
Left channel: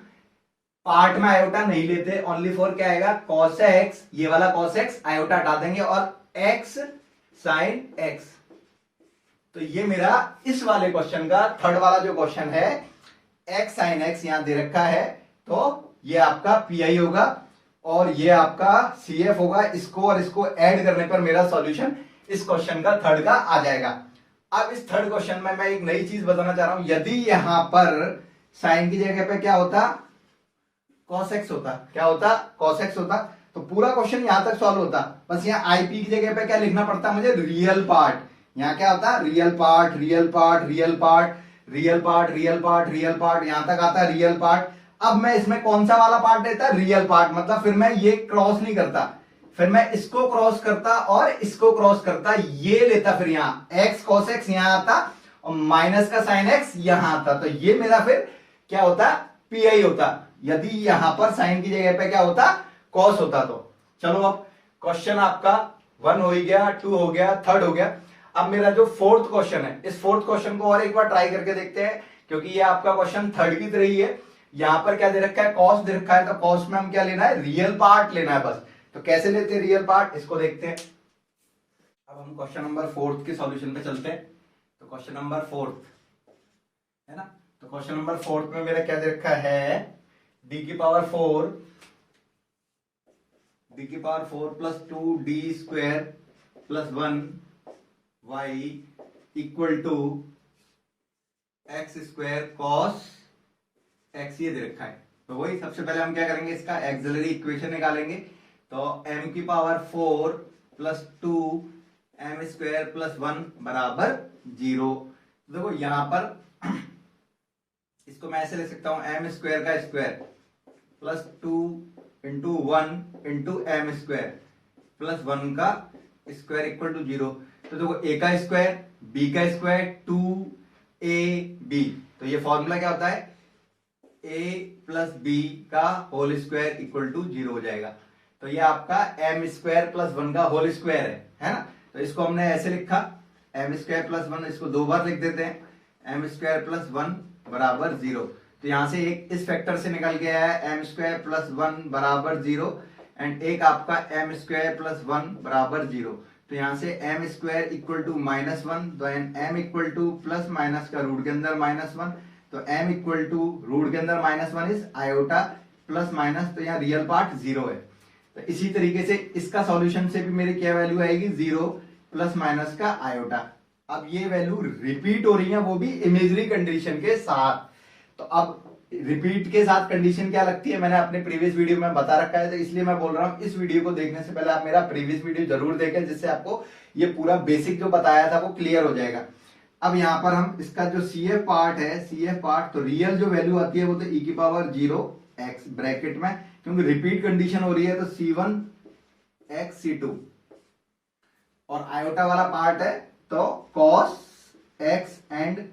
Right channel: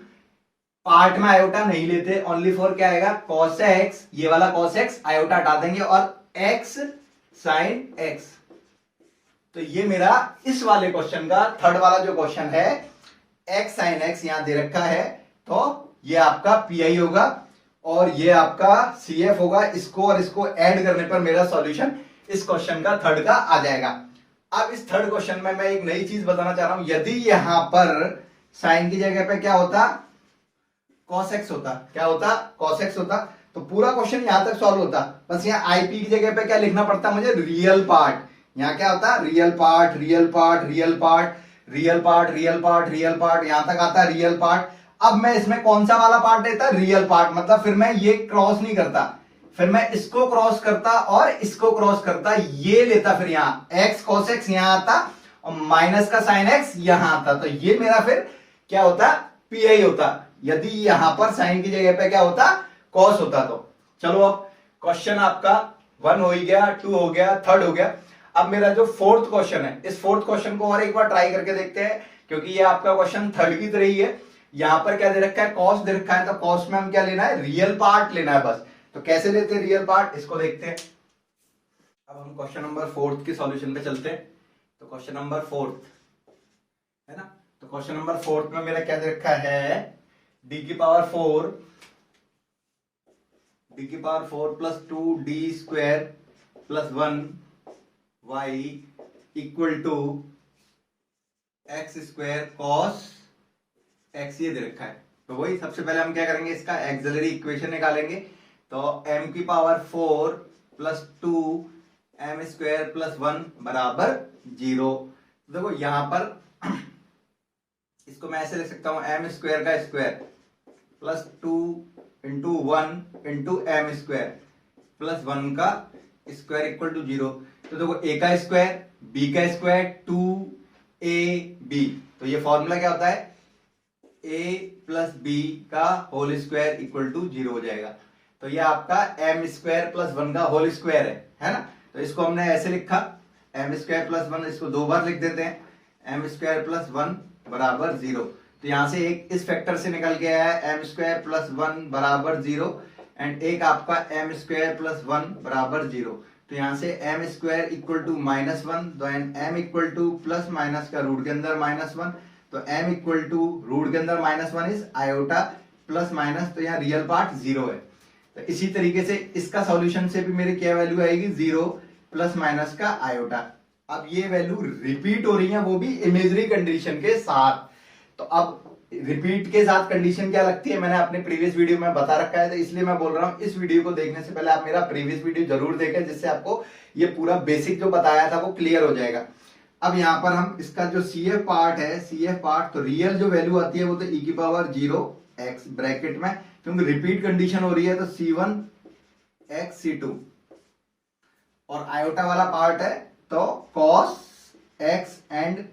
पार्ट में आयोटा नहीं लेते, ओनली फॉर क्या आएगा, cos x, ये वाला cos x आयोटा हटा देंगे और x sin x। तो ये मेरा इस वाले क्वेश्चन का थर्ड वाला जो क्वेश्चन है, x sin x यहां दे रखा है, तो ये आपका पीआई होगा और ये आपका सीएफ होगा। इसको और इसको ऐड करने पर मेरा सॉल्यूशन इस क्वेश्चन का थर्ड का आ जाएगा। अब इस थर्ड क्वेश्चन में मैं एक नई चीज बताना चाह रहा हूं, यदि यहां पर साइन की जगह पे क्या होता, cos x होता, क्या होता, cos x होता, तो पूरा क्वेश्चन यहां तक सॉल्व होता। बस यहाँ आईपी की जगह पे क्या लिखना पड़ता मुझे, रियल पार्ट। यहाँ क्या होता, real part, real part, real part, real part, real part, real part, यहां तक आता रियल पार्ट। अब मैं इसमें कौन सा वाला पार्ट लेता, रियल पार्ट, मतलब फिर मैं ये क्रॉस नहीं करता, फिर मैं इसको क्रॉस करता और इसको क्रॉस करता, ये लेता, फिर यहां x cos x यहां आता और माइनस का साइन x यहां आता, तो ये मेरा फिर क्या होता, पीआई होता। यदि यहां पर साइन की जगह पे क्या होता, कॉस होता। तो चलो अब क्वेश्चन आपका 1 हो ही गया, 2 हो गया, थर्ड हो गया। अब मेरा जो फोर्थ क्वेश्चन है, इस फोर्थ क्वेश्चन को और एक बार ट्राई करके देखते हैं, क्योंकि ये आपका क्वेश्चन थर्ड की तरह ही है। यहां पर क्या दे रखा है, कॉस दे रखा है, तो कॉस में हम क्या लेना है, रियल पार्ट लेना है बस। तो कैसे लेते हैं रियल पार्ट, इसको देखते हैं। अब हम क्वेश्चन नंबर 4 के सॉल्यूशन पे चलते हैं। तो क्वेश्चन नंबर 4 है ना, तो क्वेश्चन नंबर 4 में मेरा क्या दे रखा है, d की power 4 plus 2d² plus 1 y equal to x² cos x, ये दे रखा है। तो वही सबसे पहले हम क्या करेंगे, इसका एक्सिलरी इक्वेशन निकालेंगे। तो m की पावर 4 प्लस 2m² प्लस 1 बराबर 0। देखो यहां पर इसको मैं ऐसे लिख सकता हूं, m² का square plus 2 into 1 into m² plus 1 का स्क्वायर इक्वल टू 0। तो देखो a का स्क्वायर, b का स्क्वायर, 2ab, तो ये फॉर्मूला क्या होता है, a प्लस b का होल स्क्वायर इक्वल टू 0 हो जाएगा। तो ये आपका m² प्लस 1 का होल स्क्वायर है ना। तो इसको हमने ऐसे लिखा, m² प्लस 1, इसको दो बार लिख देते हैं, m² प्लस 1 बराबर 0। तो यहां से एक इस फैक्टर से निकल के आया है m² प्लस 1 बराबर 0, एंड एक आपका m² प्लस 1 बराबर 0। तो यहां से m² इक्वल टू -1, तो m equal to plus minus का रूट के अंदर -1, तो m इक्वल टू रूट के अंदर -1 इज आयोटा प्लस माइनस, तो यहाँ रियल पार्ट 0 है। तो इसी तरीके से इसका सॉल्यूशन से भी मेरी क्या वैल्यू आएगी, 0 प्लस माइनस का आयोटा। अब ये वैल्यू रिपीट हो रही है, वो भी इमेजरी कंडीशन के साथ। तो अब रिपीट के साथ कंडीशन क्या लगती है, मैंने अपने प्रीवियस वीडियो में बता रखा है, तो इसलिए मैं बोल रहा हूं इस वीडियो को देखने से पहले आप मेरा प्रीवियस वीडियो जरूर देखें, जिससे आपको ये पूरा बेसिक जो बताया था वो क्लियर हो जाएगा। अब यहां पर हम इसका जो CF पार्ट है, CF पार्ट, तो रियल जो वैल्यू आती है वो तो e की पावर 0x ब्रैकेट में, क्योंकि रिपीट कंडीशन हो रही है, तो C1x C2, और आयोटा वाला पार्ट है तो cos x and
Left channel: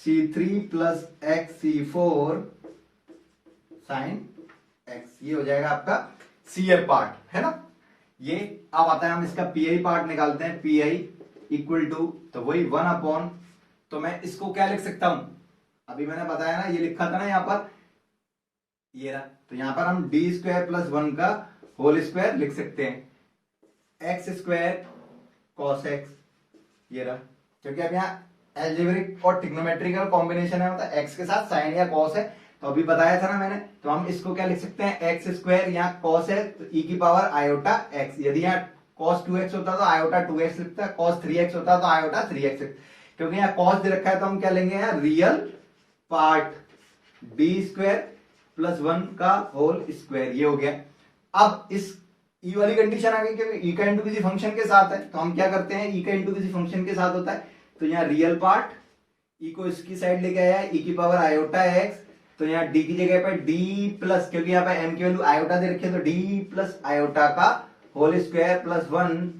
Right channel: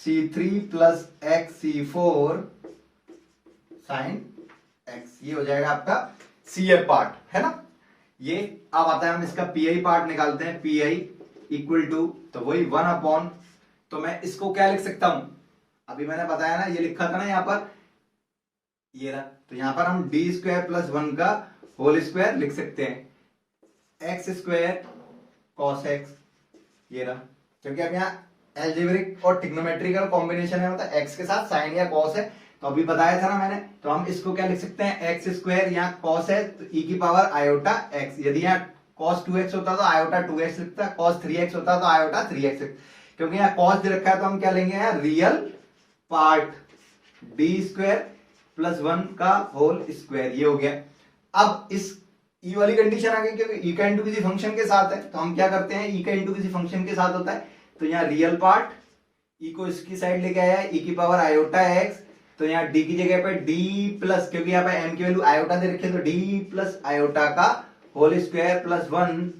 C3 plus x C4 sin x, ये हो जाएगा आपका CF पार्ट, है ना। ये अब आता है, हम इसका PI पार्ट निकालते हैं, PI इक्वल टू, तो वही 1 अपॉन, तो मैं इसको क्या लिख सकता हूं, अभी मैंने बताया ना, ये लिखा था ना यहां पर, ये रहा, तो यहां पर हम d² प्लस 1 का होल स्क्वायर लिख सकते हैं, x² cos x, ये रहा, क्योंकि अब यहाँ एल्जेब्रिक और ट्रिग्नोमेट्रिकल कॉम्बिनेशन है, मतलब x के साथ साइन या cos है, तो अभी बताया था ना मैंने, तो हम इसको क्या लिख सकते हैं, x² यहाँ cos है, तो e की पावर आयोटा x, यदि यहाँ cos 2x होता तो आयोटा 2x लिखता, cos 3x होता तो आयोटा 3x लिखता, क्योंकि यहाँ cos दे रखा है, तो हम क्या लेंगे यहाँ, रियल पार्ट, d² प्लस 1 का होल स्क्वायर, ये हो गया। अब इस e वाली कंडीशन आ गई, क्योंकि e का इंटू किसी फंक्शन के साथ है, तो हम क्या करते हैं, e का इंटू किसी फंक्शन के साथ होता है, तो यहाँ रियल पार्ट, e को इसकी साइड लेके आया है, e की पावर आयोटा x, तो यहाँ d की जगह पे d प्लस, क्योंकि यहाँ पे m की वैल्यू आयोटा दे रखी है, तो d प्लस आयोटा का होल स्क्वायर प्लस 1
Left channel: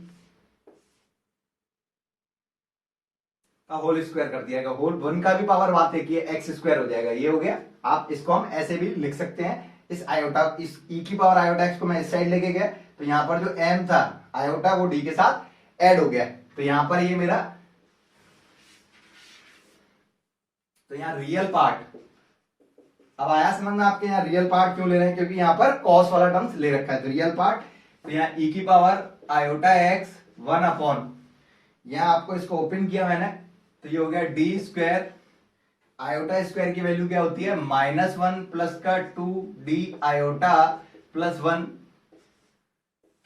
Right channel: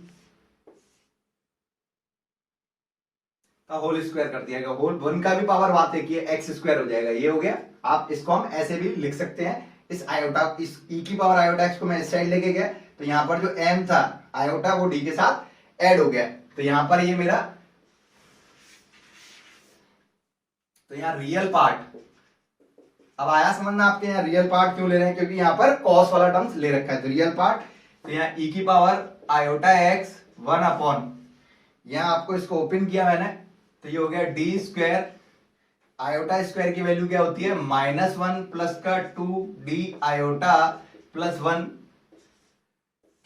का होल स्क्वायर कर दिया, होल 1 का भी पावर बात है कि x² हो जाएगा, ये हो गया। आप इसको हम ऐसे भी लिख सकते हैं इस आयोटा, इस e की पावर आयोटा x को मैं इस साइड लेके गया, तो यहाँ पर जो m था आयोटा वो d के साथ ऐड हो गया। तो यहाँ पर ये मेरा, तो यहाँ रियल पार्ट, अब आया समझ में आपके यहाँ रियल पार्ट क्यों ले रहे हैं, क्योंकि यहाँ पर कॉस वाला टर्म्स ले रखा है। तो रियल पार्ट, तो यहाँ e की पावर आयोटा x 1 अपॉन, यहाँ आपको इसको ओपन किया मैंने, तो ये हो गया डी स्क्वायर, आयोटा स्क्वायर की वैल्यू क्या होती है -1 प्लस का 2d आयोटा प्लस 1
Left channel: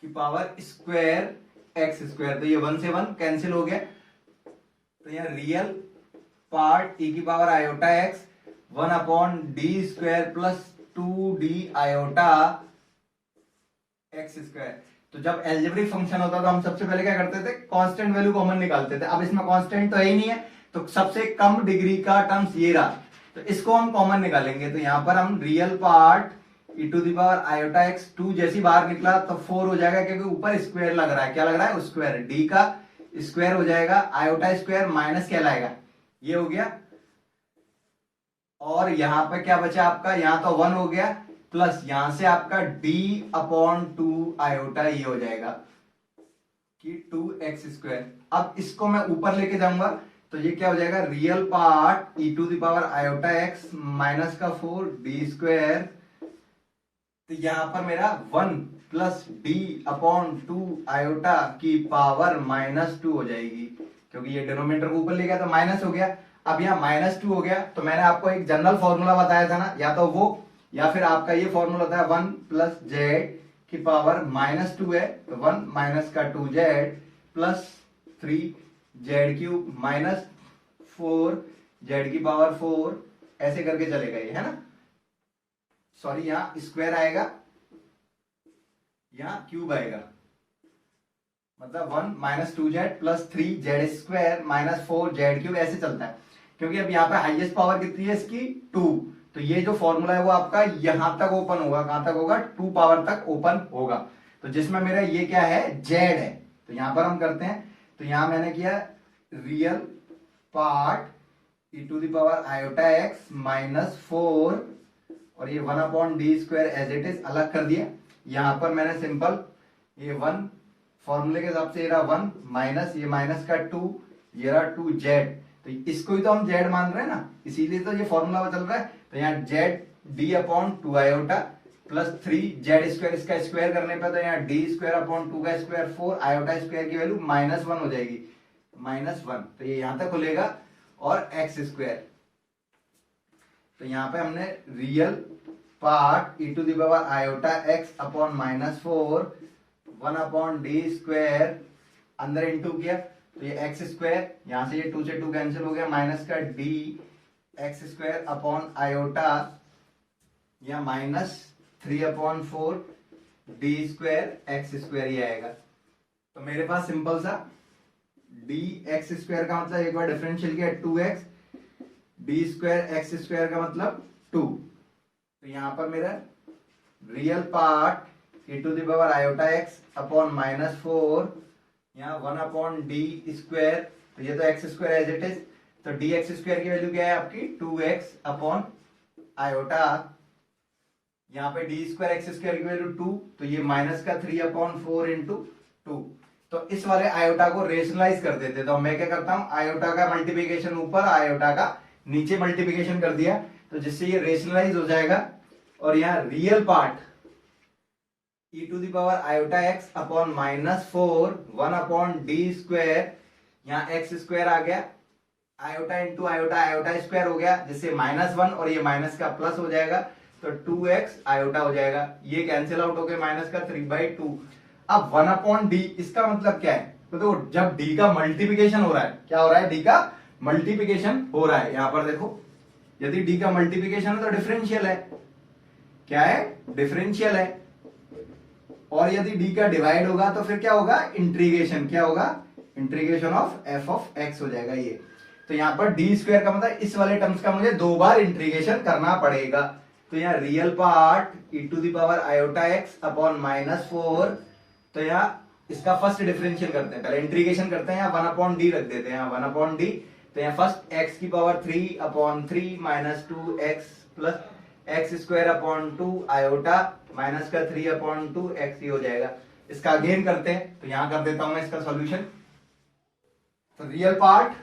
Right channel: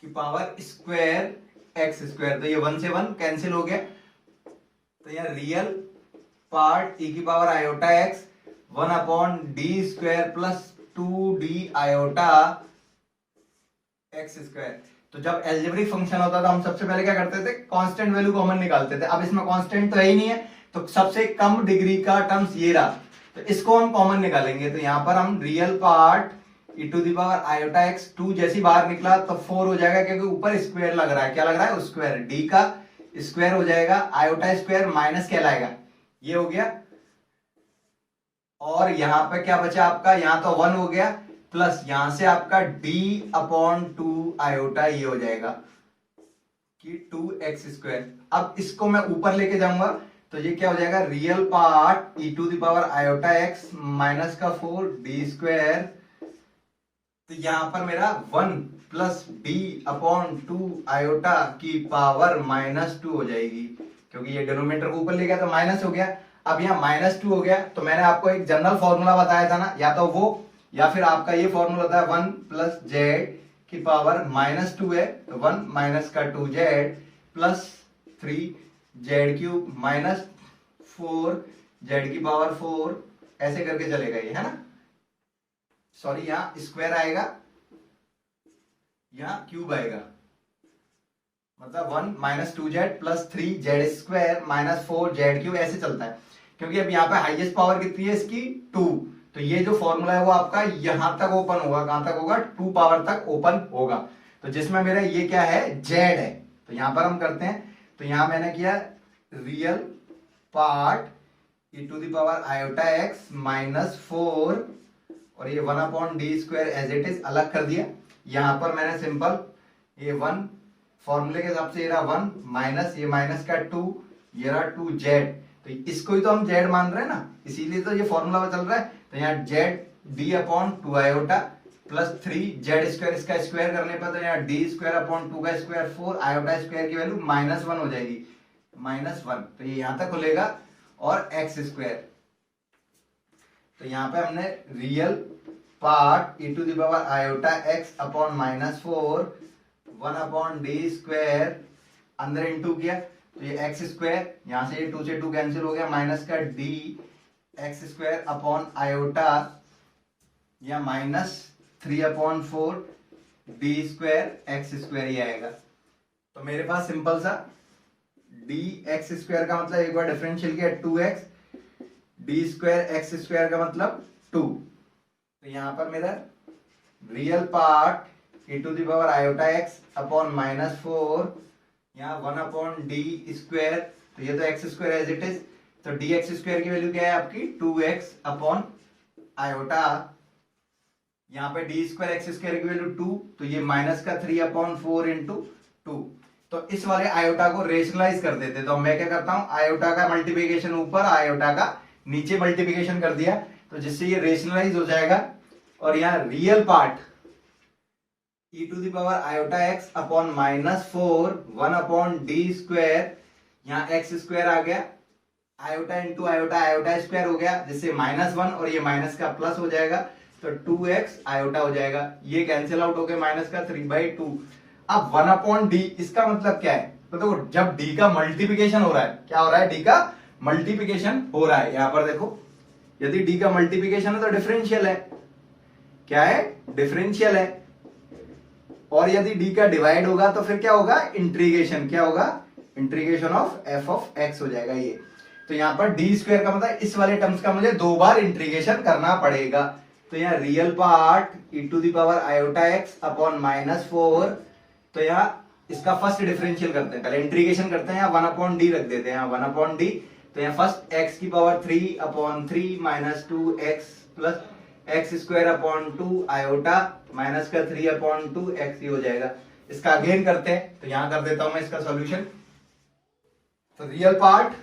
की पावर स्क्वायर x स्क्वायर। तो ये 1 से 1 कैंसिल हो गया। तो यहाँ रियल पार्ट e की power iota x 1 upon D square plus 2d iota x square. तो जब एल्जेब्रिक फंक्शन होता था हम सबसे पहले क्या करते थे, कांस्टेंट वैल्यू कॉमन निकालते थे। अब इसमें कांस्टेंट तो है ही नहीं है, तो सबसे कम डिग्री का टर्म्स ये रहा, तो इसको हम कॉमन निकालेंगे। तो यहां पर हम real part e to the power iota x 2 जैसी बाहर निकला तो 4 हो जाएगा, क्योंकि ऊपर स्क्वायर लग रहा है। क्या लग रहा है, स्क्वायर, d का स्क्वायर हो जाएगा, आयोटा स्क्वायर माइनस क्या लाएगा, ये हो गया। और यहां पर क्या बचा आपका, यहां तो 1 हो गया, प्लस यहां से आपका d अपॉन 2 आयोटा ये हो जाएगा कि 2x स्क्वायर। अब इसको मैं ऊपर लेके जाऊंगा, तो ये क्या हो जाएगा, real part e to the power iota x minus का 4 d स्क्वायर। तो यहां पर मेरा 1 प्लस d अपॉन 2 आयोटा की पावर -2 हो जाएगी, क्योंकि ये डिनोमिनेटर को ऊपर ले गया तो माइनस हो गया। अब यहाँ -2 हो गया, तो मैंने आपको एक जनरल फॉर्मूला बताया था ना, या तो वो या फिर आपका ये फॉर्मूला था 1 प्लस जेड की पावर -2 है, तो 1 माइनस का 2z plus 3z³ minus 4z की पावर 4, ऐसे करके चलेगा ये, है ना। सॉरी, यहां स्क्वायर आएगा, यहां क्यूब आएगा, मतलब 1 minus 2z plus 3z square minus 4z³, ऐसे चलता है। क्योंकि अब यहाँ पे हाईएस्ट पावर कितनी है इसकी, 2, तो ये जो फॉर्मूला है वो आपका यहां तक ओपन होगा, कहां तक होगा, 2 पावर तक ओपन होगा। तो जिसमें मेरा ये क्या है, z है, तो यहां पर हम करते हैं। तो यहां मैंने किया real part e to the power iota x -4, और ये 1 upon D square as it is अलग कर दिया। यहां पर मैंने सिंपल ये 1 फॉर्मूले के हिसाब से ये रहा 1 माइनस ये माइनस का 2, ये रहा 2z, तो इसको ही तो हम z मान रहे हैं ना, इसीलिए तो ये फॉर्मूला चल रहा है। तो यहाँ z d upon 2 iota plus 3z square, इसका स्क्वायर करने पर तो यहाँ d स्क्वायर अपॉन 2 का स्क्वायर 4, आयोटा स्क्वायर की वैल्यू -1 हो जाएगी, -1, तो ये यहां तक खुलेगा, और x स्क्वायर। तो यहाँ पे हमने real part e to the power iota x upon -4 1 upon D square अंदर इनटू किया, तो ये x स्क्वायर, यहां से ये 2 से 2 कैंसिल हो गया, माइनस का d x square upon iota, या -3 upon 4 D square x square ही आएगा। तो मेरे पास सिंपल सा dx स्क्वायर का मतलब एक बार डिफरेंशियल किया 2x, D square x square का मतलब 2। तो यहां पर मेरा real part e to the power iota x upon -4, यहाँ 1 अपॉन डी स्क्वायर, तो ये तो x square as it is, तो dx स्क्वायर की वैल्यू क्या है आपकी 2x अपॉन आयोटा, यहाँ पे डी स्क्वायर एक्स स्क्वायर की वैल्यू 2, तो ये माइनस का 3 अपॉन 4 इंटू 2। तो इस वाले आयोटा को रेशनलाइज कर देते, तो मैं क्या करता हूं, आयोटा का मल्टीप्लिकेशन ऊपर, आयोटा का नीचे मल्टीप्लिकेशन कर दिया, तो जिससे ये रेशनलाइज हो जाएगा। और यहाँ real part e to the power iota x upon -4 1 upon D square, यहाँ x स्क्वायर आ गया, iota into iota, iota square हो गया, जिससे -1 और ये माइनस का प्लस हो जाएगा, तो 2x आयोटा हो जाएगा, ये कैंसिल आउट हो गया, माइनस का 3/2। अब 1 अपॉन डी, इसका मतलब क्या है, तो देखो जब d का मल्टीप्लिकेशन हो रहा है, क्या हो रहा है, d का मल्टीप्लिकेशन हो रहा है, यहां पर देखो यदि d का मल्टीप्लिकेशन है तो डिफरेंशियल है, क्या है, डिफरेंशियल है। और यदि d का डिवाइड होगा तो फिर क्या होगा, इंटीग्रेशन, क्या होगा, integration of f of x हो जाएगा ये। तो यहां पर डी स्क्वायर का मतलब इस वाले टर्म्स का मुझे 2 बार इंटीग्रेशन करना पड़ेगा। तो यहाँ real part e to the power iota x upon -4, तो यहाँ इसका फर्स्ट डिफरेंशियल करते हैं, पहले इंटीग्रेशन करते हैं, यहाँ 1 अपॉन डी रख देते हैं, यहाँ 1 अपॉन डी, तो यहाँ फर्स्ट x की power 3 upon 3 -2x plus x square upon 2 iota minus का 3 अपॉन 2 एक्स, ये हो जाएगा। इसका अगेन करते हैं, तो यहां कर देता हूं मैं इसका सॉल्यूशन। तो रियल पार्ट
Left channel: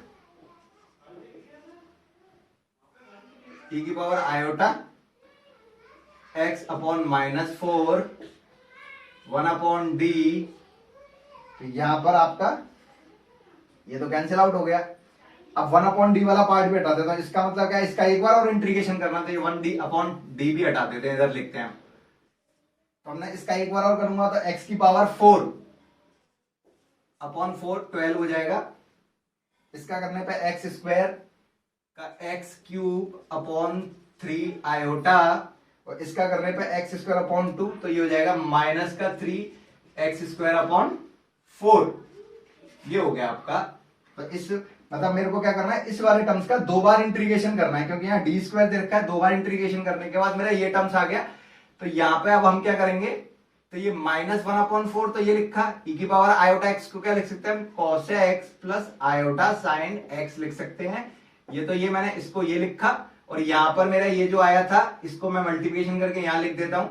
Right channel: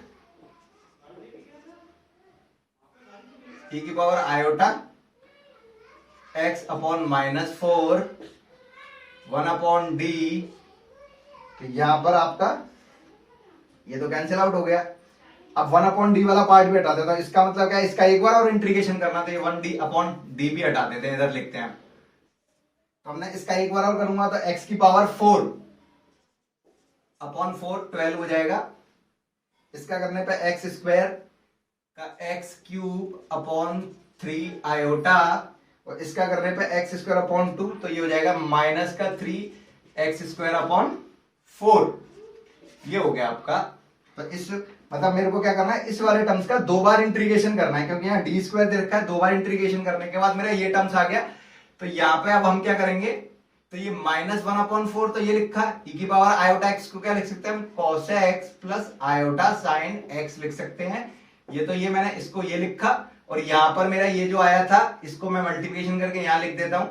e की power iota x upon -4 1 upon D, तो यहां पर आपका ये तो कैंसिल आउट हो गया। अब 1 अपॉन डी वाला पार्ट भी हटा देता हूं, इसका मतलब क्या है, इसका एक बार और इंटीग्रेशन करना, तो ये 1 डी अपॉन डी भी हटा देते हैं, इधर लिखते हैं। तो हमने इसका एक बार और करूंगा तो x की पावर 4 अपॉन 4 12 हो जाएगा। इसका करने पे एक्स स्क्वायर का एक्स क्यूब अपॉन 3 आयोटा, और इसका करने पे एक्स स्क्वायर अपॉन 2, तो ये हो जाएगा माइनस का 3 एक्स स्क्वायर अपॉन 4, ये हो गया आपका। तो इस मतलब मेरे को क्या करना है, इस वाले टर्म्स का दो बार इंटीग्रेशन करना है, क्योंकि यहाँ डी स्क्वायर दे रखा है। दो बार इंटीग्रेशन करने के बाद मेरा ये टर्म्स आ गया। तो यहाँ पे अब हम क्या करेंगे, तो ये -1 अपॉन 4 तो ये लिखा e की पावर आयोटा x को क्या लिख सकते हैं हम, cos x plus iota sign x लिख सकते हैं। ये तो ये मैंने इसको ये लिखा, और यहां पर मेरा ये जो आया था इसको मैं मल्टीप्लिकेशन करके यहां लिख देता हूं,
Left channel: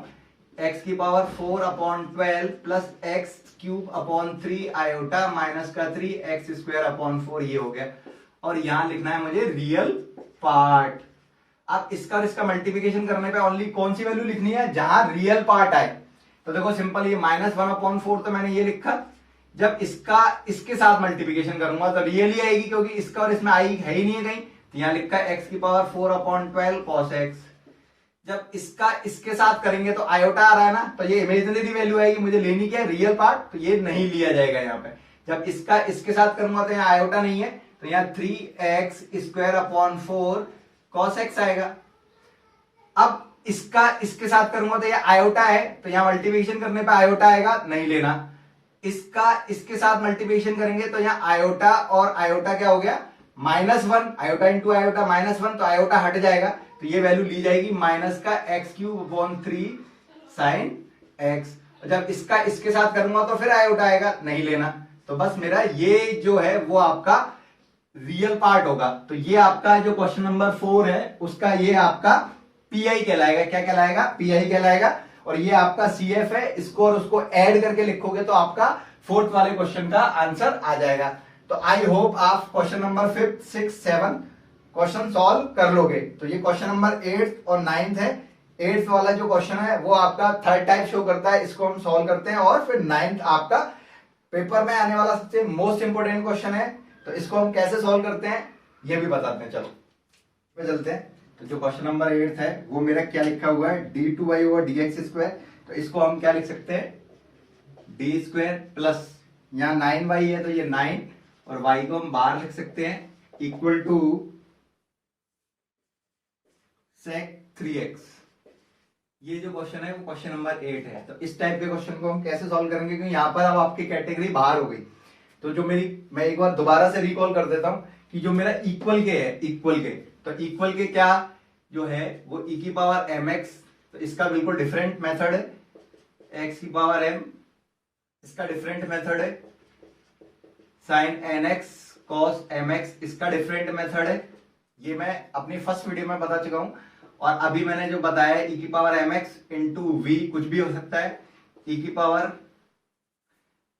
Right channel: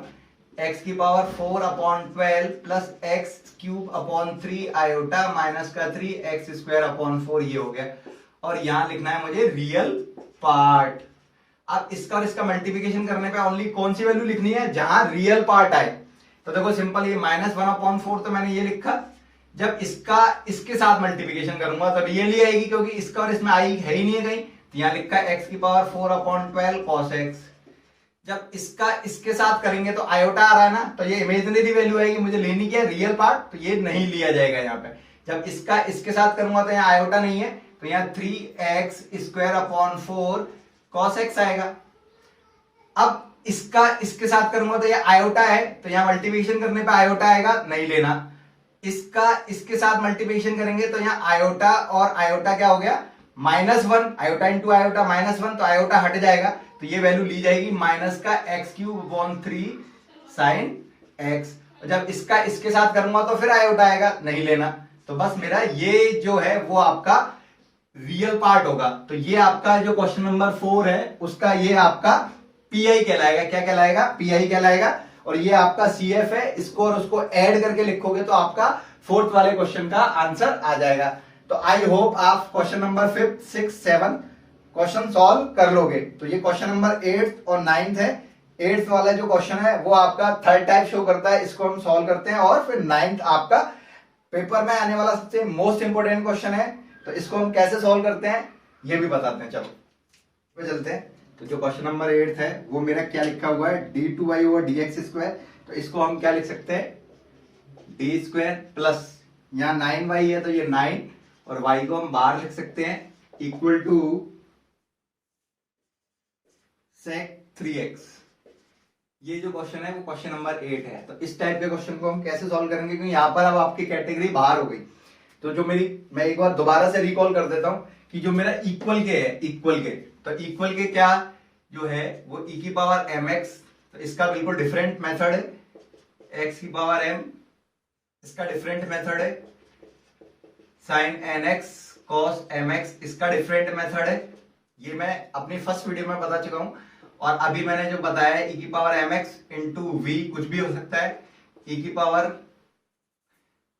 x की power 4 upon 12 plus x cube upon 3 iota minus का 3 एक्स स्क्वायर अपॉन 4, ये हो गया। और यहां लिखना है मुझे रियल पार्ट। अब इसका और इसका मल्टीप्लिकेशन करने पे ओनली कौन सी वैल्यू लिखनी है, जहां रियल पार्ट आए। तो देखो सिंपल, ये -1 अपॉन 4 तो मैंने ये लिखा। जब इसका इसके साथ मल्टीप्लिकेशन करूंगा तो रियली आएगी, क्योंकि इसका और इसमें आई है ही नहीं है कहीं। तो यहां लिखा है x की पावर 4 अपॉन 12 cos x। जब इसका इसके साथ करेंगे तो आयोटा आ रहा है ना, तो ये इमेजिनरी वैल्यू आएगी, मुझे लेनी क्या है, रियल पार्ट, तो ये नहीं लिया जाएगा यहाँ पे। जब इसका इसके साथ करूंगा तो यहाँ आयोटा नहीं है, तो यहाँ 3x square upon 4 cos x आएगा। अब इसका इसके साथ करूंगा तो ये आयोटा है, तो यहां मल्टीप्लिकेशन करने पे आयोटा आएगा, नहीं लेना। इसका इसके साथ मल्टीप्लिकेशन करेंगे तो यहां आयोटा और आयोटा क्या हो गया, -1, आयोटा इंटू आयोटा -1, तो आयोटा हट जाएगा, तो ये वैल्यू ली जाएगी माइनस का x cube upon 3 sine x. जब इसका इसके साथ करूंगा तो फिर आयोटा आएगा, नहीं लेना। तो बस मेरा ये जो है वो आपका रियल पार्ट होगा। तो ये आपका जो क्वेश्चन नंबर 4 है उसका ये आपका पीआई कहलाएगा। क्या कहलाएगा, पीआई कहलाएगा। और ये आपका सीएफ है, इसको और उसको ऐड करके लिखोगे तो आपका 4th वाले क्वेश्चन का आंसर आ जाएगा। तो आई होप आप क्वेश्चन नंबर 5, 6, 7 क्वेश्चन सॉल्व कर लोगे। तो ये क्वेश्चन नंबर 8th और 9th है। 8th वाला जो क्वेश्चन है वो आपका 3rd टाइप शो करता है, इसको हम सॉल्व करते हैं। और फिर 9th आपका पेपर में आने वाला सबसे मोस्ट इंपोर्टेंट क्वेश्चन है, तो इसको हम कैसे सॉल्व करते हैं ये भी बताते हैं। चलो पे चलते हैं। तो जो क्वेश्चन नंबर 8 है वो मेरा क्या लिखा हुआ है, d2y ओवर dx स्क्वायर। तो इसको हम क्या लिख सकते हैं, डी स्क्वायर प्लस यहाँ 9y है तो ये 9, और y को हम बाहर लिख सकते हैं इक्वल टू sec 3x। ये जो क्वेश्चन है वो क्वेश्चन नंबर 8 है। तो इस टाइप के क्वेश्चन को हम कैसे सॉल्व करेंगे, क्योंकि यहाँ पर अब आपकी कैटेगरी बाहर हो गई। तो जो मैं एक बार दोबारा से रिकॉल कर देता हूं कि जो मेरा इक्वल के है, इक्वल के, तो इक्वल के क्या जो है वो e की पावर mx, तो इसका बिल्कुल डिफरेंट मेथड है। x की पावर m, इसका डिफरेंट मेथड है। sin nx cos mx, इसका डिफरेंट मेथड है। ये मैं अपनी फर्स्ट वीडियो में बता चुका हूं। और अभी मैंने जो बताया है e की पावर mx इंटू v, कुछ भी हो सकता है। e की पावर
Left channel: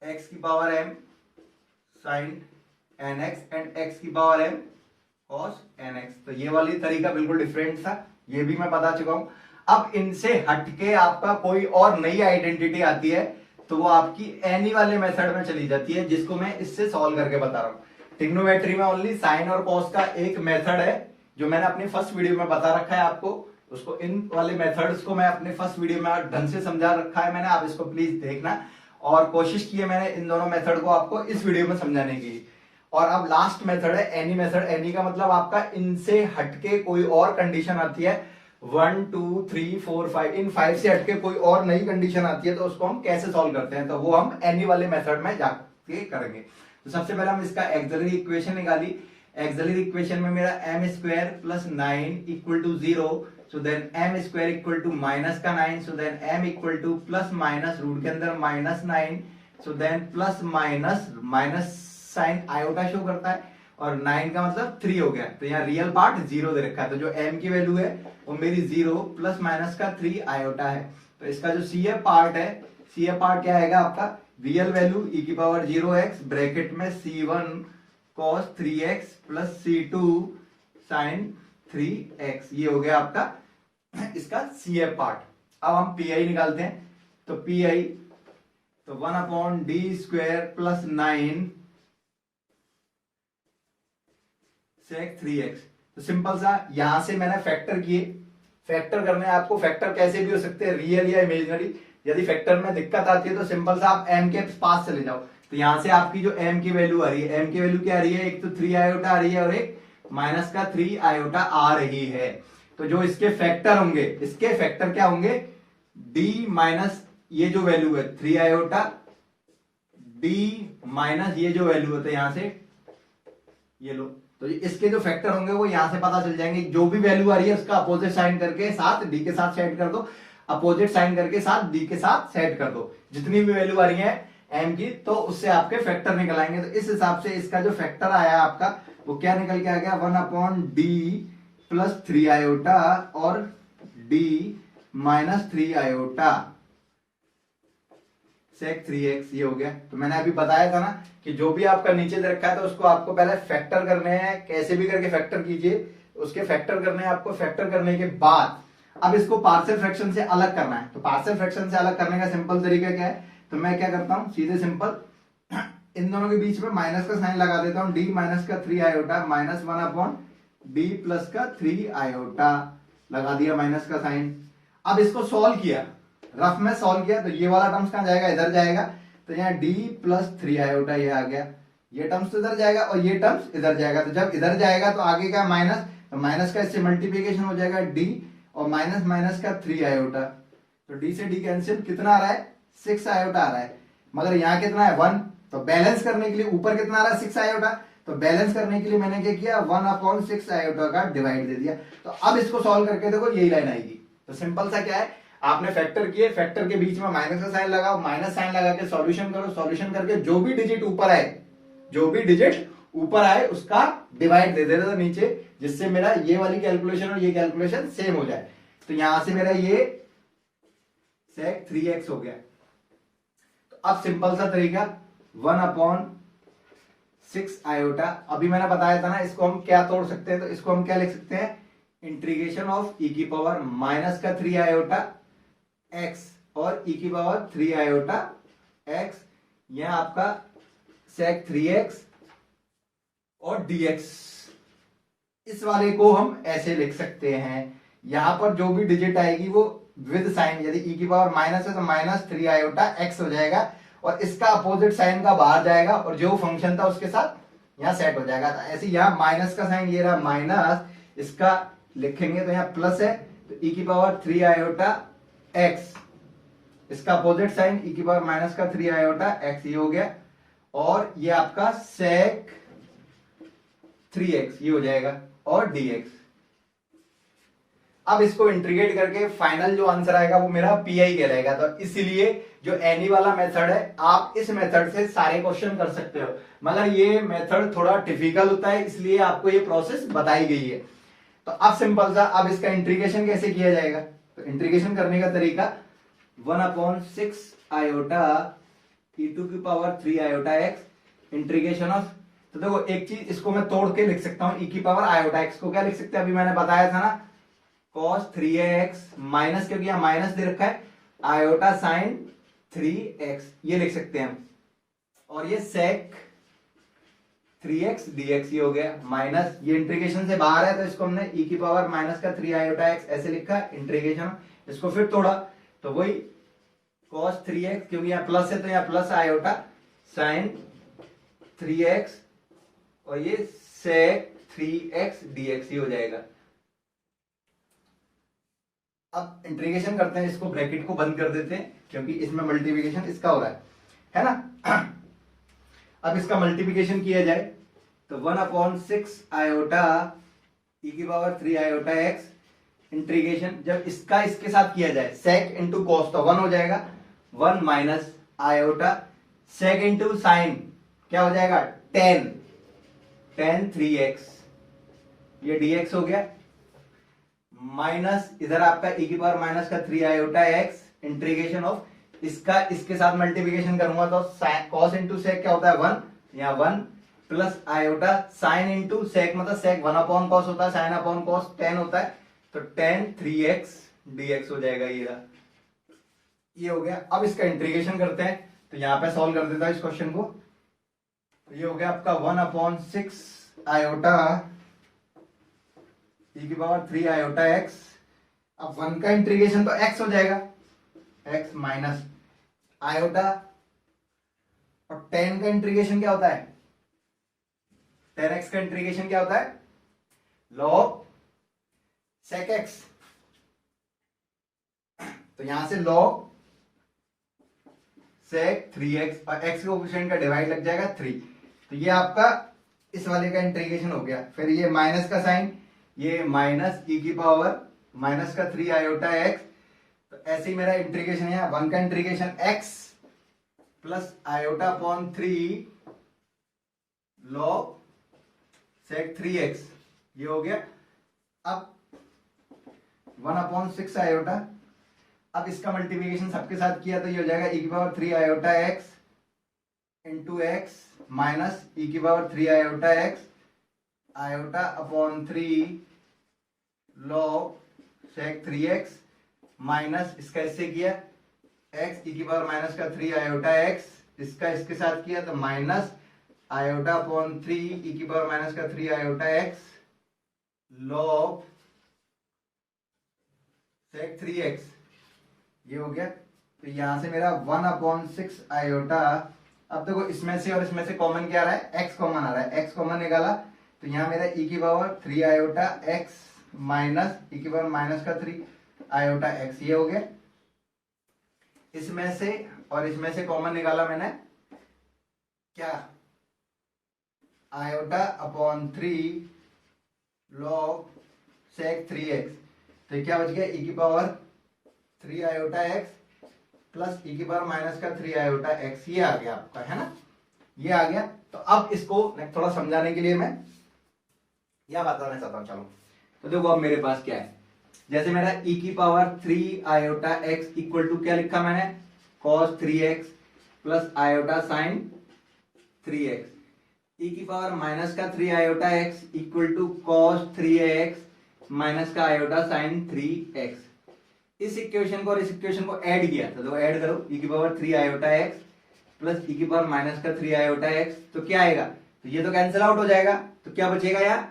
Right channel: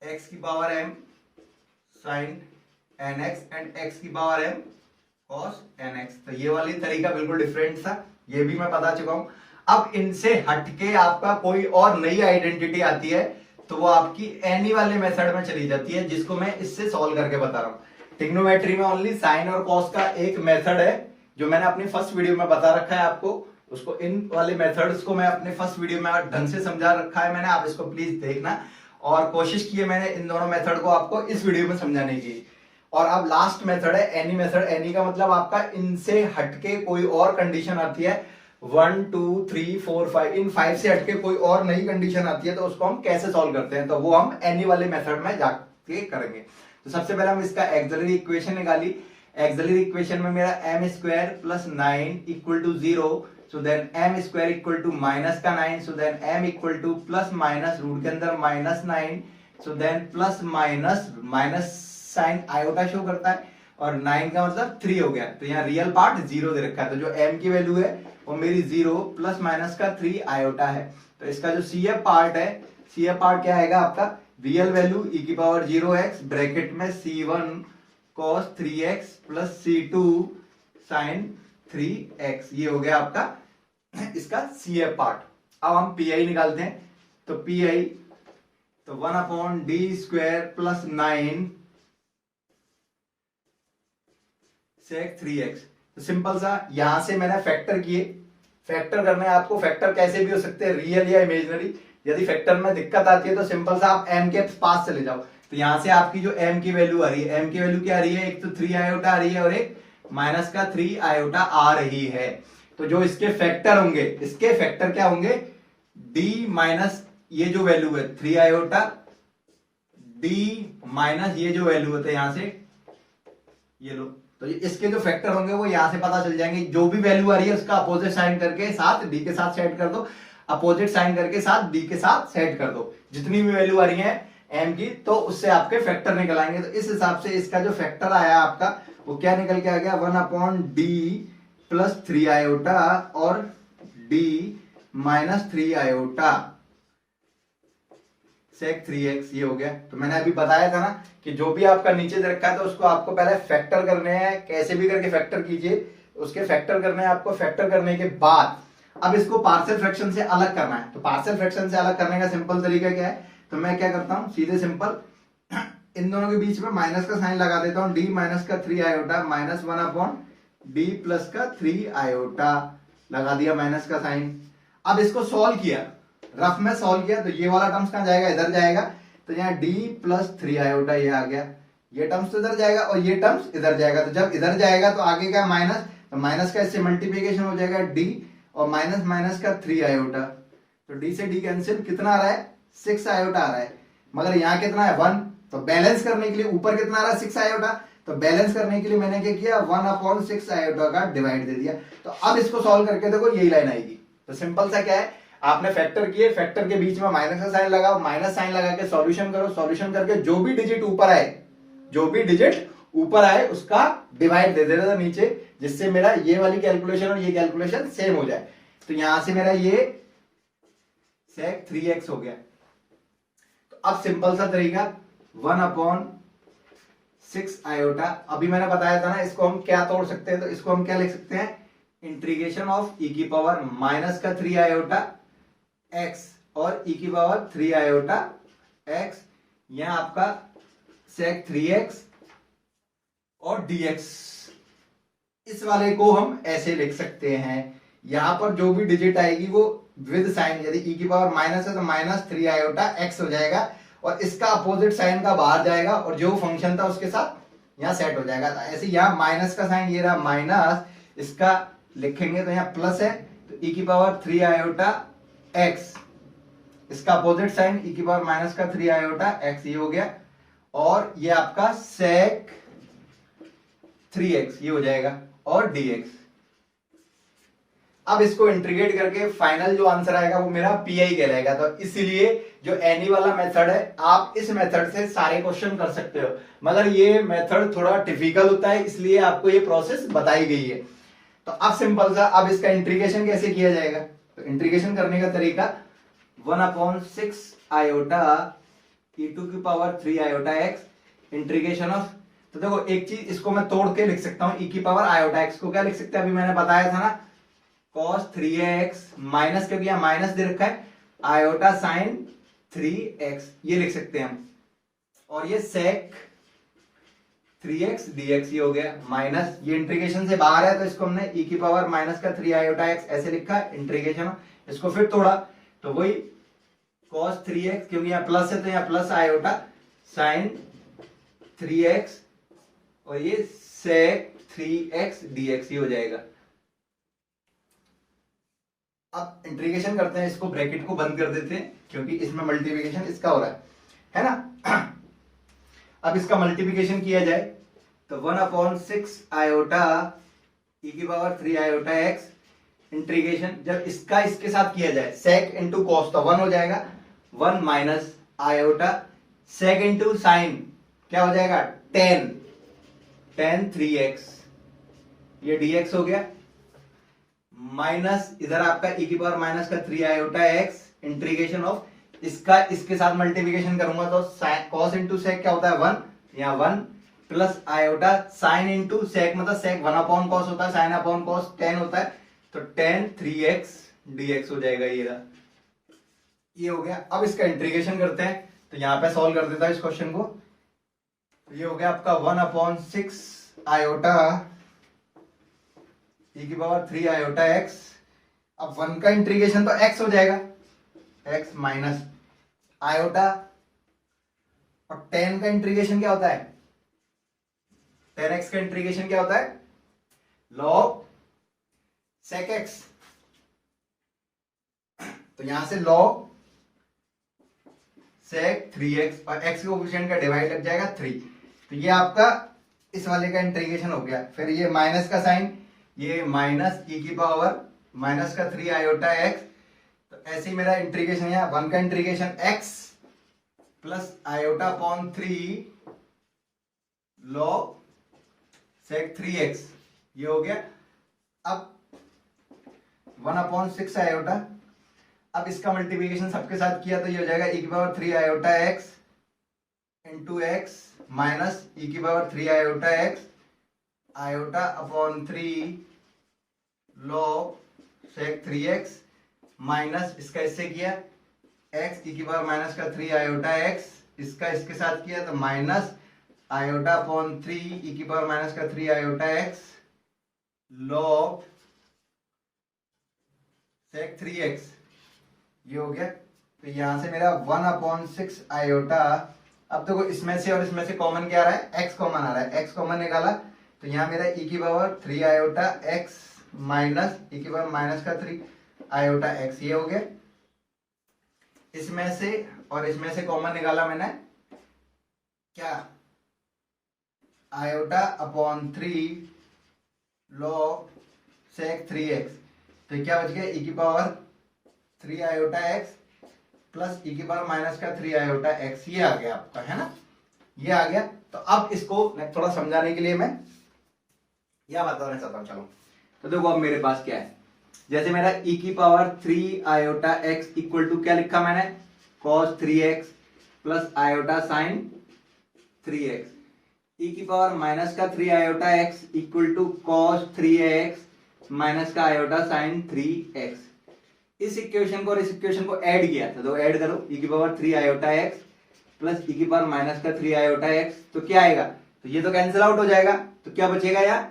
x की power m sin nx and x की पावर m cos nx। तो ये वाली तरीका बिल्कुल डिफरेंट था, ये भी मैं बता चुका हूं। अब इनसे हटके आपका कोई और नई आइडेंटिटी आती है तो वो आपकी एनी वाले मेथड में चली जाती है, जिसको मैं इससे सॉल्व करके बता रहा हूं। ट्रिग्नोमेट्री में ओनली साइन और कॉस का एक मेथड है जो मैंने अपनी फर्स्ट वीडियो में बता रखा है आपको। उसको इन वाले मेथड्स को मैं अपने फर्स्ट वीडियो में ढंग से समझा रखा है मैंने, आप इसको प्लीज देखना। और कोशिश की है मैंने इन दोनों मेथड को आपको इस वीडियो में समझाने की। और अब लास्ट मेथड है एनी मेथड। एनी का मतलब आपका इनसे हटके कोई और कंडीशन आती है, 1 2 3 4 5, इन 5 से हटके कोई और नई कंडीशन आती है तो उसको हम कैसे सॉल्व करते हैं, तो वो हम एनी वाले मेथड में जाके करेंगे। तो सबसे पहले हम इसका एक्सिलरी इक्वेशन निकाली। एक्सिलरी इक्वेशन में मेरा m square plus 9 equal to 0, so then m square equal to minus का 9, so then m equal to plus minus root के अंदर -9, so then plus minus sign iota show करता है। और 9 का मतलब 3 हो गया। तो यहाँ रियल पार्ट 0 दे रखा है, तो जो m की वैल्यू है वो मेरी 0 प्लस माइनस का 3 आयोटा है। तो इसका जो CF पार्ट है, CF पार्ट क्या आएगा आपका, रियल वैल्यू e की पावर 0x ब्रैकेट में C1 cos 3x plus C2 sin 3x, ये हो गया आपका इसका CF पार्ट। अब हम PI निकालते हैं, तो PI तो 1/d² प्लस 9 sec 3x। तो सिंपल सा यहां से मैंने फैक्टर किए, फैक्टर करने आपको फैक्टर कैसे भी हो सकते हैं, रियल या इमेजिनरी। यदि फैक्टर में दिक्कत आती है तो सिंपल सा आप m के पास चले जाओ। तो यहां से आपकी जो m की वैल्यू आ रही है, m की वैल्यू क्या आ रही है, एक तो 3 आयोटा आ रही है और एक माइनस का 3 आयोटा आ रही है। तो जो इसके फैक्टर होंगे, इसके फैक्टर क्या होंगे, d माइनस ये जो वैल्यू है 3 आयोटा, d माइनस ये जो वैल्यू होता है यहां से ये लो, तो इसके जो फैक्टर होंगे वो यहां से पता चल जाएंगे। जो भी वैल्यू आ रही है उसका अपोजिट साइन करके साथ डी के साथ सेट कर दो, अपोजिट साइन करके साथ डी के साथ सेट कर दो। जितनी भी वैल्यू आ रही है एम की, तो उससे आपके फैक्टर निकल आएंगे। तो इस हिसाब से इसका जो फैक्टर आया आपका वो क्या निकल के आ गया, 1/d प्लस 3 आयोटा और d minus 3 iota sec 3x, ये हो गया। तो मैंने अभी बताया था ना कि जो भी आपका नीचे दे रखा है तो उसको आपको पहले फैक्टर करने हैं, कैसे भी करके फैक्टर कीजिए, उसके फैक्टर करने हैं आपको। फैक्टर करने के बाद अब इसको पार्शियल फ्रैक्शन से अलग करना है। तो पार्शियल फ्रैक्शन से अलग करने का सिंपल तरीका क्या है, तो मैं क्या करता हूं, सीधे सिंपल इन दोनों के बीच में माइनस का साइन लगा देता हूं, d माइनस का 3 आयोटा माइनस 1/d प्लस का 3 आयोटा लगा दिया माइनस का साइन। अब इसको सॉल्व किया, रफ में सॉल्व किया, तो ये वाला टर्म्स कहां जाएगा, इधर जाएगा। तो यहाँ d प्लस 3 आयोटा ये आ गया, ये टर्म्स तो इधर जाएगा और ये टर्म्स इधर जाएगा। तो जब इधर जाएगा तो आगे का माइनस, तो माइनस का इससे मल्टीप्लीकेशन हो जाएगा d और माइनस माइनस का 3 आयोटा। तो d से d कैंसिल, कितना आ रहा है, 6 आयोटा आ रहा है। मगर यहाँ कितना है 1, तो बैलेंस करने के लिए ऊपर कितना आ रहा है 6 आयोटा, तो बैलेंस करने के लिए मैंने क्या किया, 1/6 आयोटा का डिवाइड दे दिया। तो अब इसको सॉल्व करके देखो यही लाइन आएगी। तो सिंपल सा क्या है, आपने फैक्टर किए, फैक्टर के बीच में माइनस का साइन लगाओ, माइनस साइन लगा के सॉल्यूशन करो, सॉल्यूशन करके जो भी डिजिट ऊपर आए, जो भी डिजिट ऊपर आए उसका डिवाइड दे देना नीचे, जिससे मेरा ये वाली कैलकुलेशन और ये कैलकुलेशन सेम हो जाए। तो यहां से मेरा ये sec 3x हो गया। तो अब सिंपल सा तरीका 1/6 आयोटा, अभी मैंने बताया था ना, इसको हम क्या तोड़ सकते हैं, तो इसको हम क्या लिख सकते हैं, इंटीग्रेशन ऑफ e की पावर माइनस का 3 आयोटा x और e की पावर 3 आयोटा x, यह आपका sec 3x और dx। इस वाले को हम ऐसे लिख सकते हैं, यहां पर जो भी डिजिट आएगी वो विद साइन, यदि e की पावर माइनस है तो माइनस 3 आयोटा x हो जाएगा और इसका अपोजिट साइन का बाहर जाएगा और जो फंक्शन था उसके साथ यहां सेट हो जाएगा। तो ऐसे यहां माइनस का साइन ये रहा माइनस, इसका लिखेंगे तो यहाँ प्लस है, तो e की पावर 3 आयोटा x, इसका अपोजिट साइन e की पावर माइनस का 3 आयोटा x, ये हो गया। और ये आपका sec 3x ये हो जाएगा और dx। अब इसको इंटीग्रेट करके फाइनल जो आंसर आएगा वो मेरा PI कहलाएगा। तो इसलिए जो एनी वाला मेथड है, आप इस मेथड से सारे क्वेश्चन कर सकते हो, मगर ये मेथड थोड़ा डिफिकल्ट होता है, इसलिए आपको ये प्रोसेस बताई गई है। तो अब सिंपल सा, अब इसका इंटीग्रेशन कैसे किया जाएगा, तो इंटीग्रेशन करने का तरीका 1/6 आयोटा e टू की पावर 3 आयोटा x इंटीग्रेशन ऑफ, तो देखो एक चीज इसको मैं तोड़ के लिख सकता हूं, e की पावर आयोटा x को क्या लिख सकते हैं, अभी मैंने बताया था ना, cos 3x माइनस, क्योंकि यहां माइनस दे रखा है, आयोटा साइन 3x ये लिख सकते हैं हम, और ये sec 3x dx ये हो गया माइनस, ये इंटीग्रेशन से बाहर है तो इसको हमने e की पावर माइनस का 3 आयोटा x ऐसे लिखा इंटीग्रेशन। इसको फिर तोड़ा तो वही cos 3x, क्योंकि यहाँ प्लस है तो यहाँ प्लस आयोटा साइन 3x और ये sec 3x dx ये हो जाएगा। अब इंटीग्रेशन करते हैं, इसको ब्रैकेट को बंद कर देते हैं क्योंकि इसमें मल्टीप्लिकेशन इसका हो रहा है ना। अब इसका मल्टीप्लिकेशन किया जाए तो 1/6 आयोटा e की पावर 3 आयोटा x इंटीग्रेशन, जब इसका इसके साथ किया जाए sec इंटू कॉस तो 1 हो जाएगा, 1 minus iota sec into sine क्या हो जाएगा 10 tan 3x, ये dx हो गया, माइनस इधर आपका e की पावर माइनस का 3 आयोटा x, इंटीग्रेशन ऑफ इसका इसके साथ मल्टीप्लिकेशन करूंगा तो cos इंटू सेक क्या होता है 1, यहाँ 1 plus iota sine into sec, मतलब सेक 1 अपॉन कॉस होता है, साइन अपॉन कॉस tan होता है, तो tan 3x dx हो जाएगा। ये हो गया। अब इसका इंटीग्रेशन करते हैं, तो यहां पे सॉल्व कर देता है इस क्वेश्चन को। तो ये हो गया आपका 1/6 आयोटा e की पावर 3 आयोटा x। अब 1 का इंटीग्रेशन तो x हो जाएगा, x माइनस आयोटा, और tan का इंटीग्रेशन क्या होता है, tan x का इंटीग्रेशन क्या होता है, log sec x। तो यहां से log sec 3x और x के कोफिशिएंट का डिवाइड लग जाएगा 3। तो ये आपका इस वाले का इंटीग्रेशन हो गया। फिर ये माइनस का साइन, ये माइनस e की पावर माइनस का 3 आयोटा x। तो ऐसे ही मेरा इंटीग्रेशन है, 1 का integration x plus iota upon 3 log sec 3x, ये हो गया। अब 1/6 आयोटा, अब इसका मल्टीप्लिकेशन सबके साथ किया तो ये हो जाएगा e की पावर 3 आयोटा x into x minus e की पावर 3 आयोटा x iota upon 3 log sec 3x minus इसका इससे किया x e की पावर माइनस का 3 आयोटा x, इसका इसके साथ किया तो माइनस आयोटा अपॉन 3 e की पावर माइनस का 3 आयोटा x log sec 3x, ये हो गया। तो यहां से मेरा 1/6 आयोटा, अब देखो इसमें से और इसमें से कॉमन क्या आ रहा है, x कॉमन आ रहा है, x कॉमन निकाला तो यहां मेरा e की पावर 3 आयोटा x माइनस e की पावर माइनस का 3 आयोटा x, ये हो गया। इसमें से और इसमें से कॉमन निकाला मैंने क्या, iota upon 3 log sec 3x, तो क्या बच गया e की पावर 3 आयोटा x प्लस e की पावर माइनस का 3 आयोटा x, ये आ गया आपका, है ना, ये आ गया। तो अब इसको मैं थोड़ा समझाने के लिए मैं यह बताना चाहता हूं। चलो तो देखो अब मेरे पास क्या है, जैसे मेरा e की पावर 3 आयोटा x इक्वल टू क्या लिखा मैंने, cos 3x plus iota sine 3x, e की पावर माइनस का 3 आयोटा x equal to cos 3x minus का आयोटा साइन 3x। इस इक्वेशन को और इस इक्वेशन को ऐड किया तो ऐड करो, e की पावर 3 आयोटा x प्लस e की पावर माइनस का 3 आयोटा x, तो क्या आएगा, तो ये तो कैंसिल आउट हो जाएगा, तो क्या बचेगा यार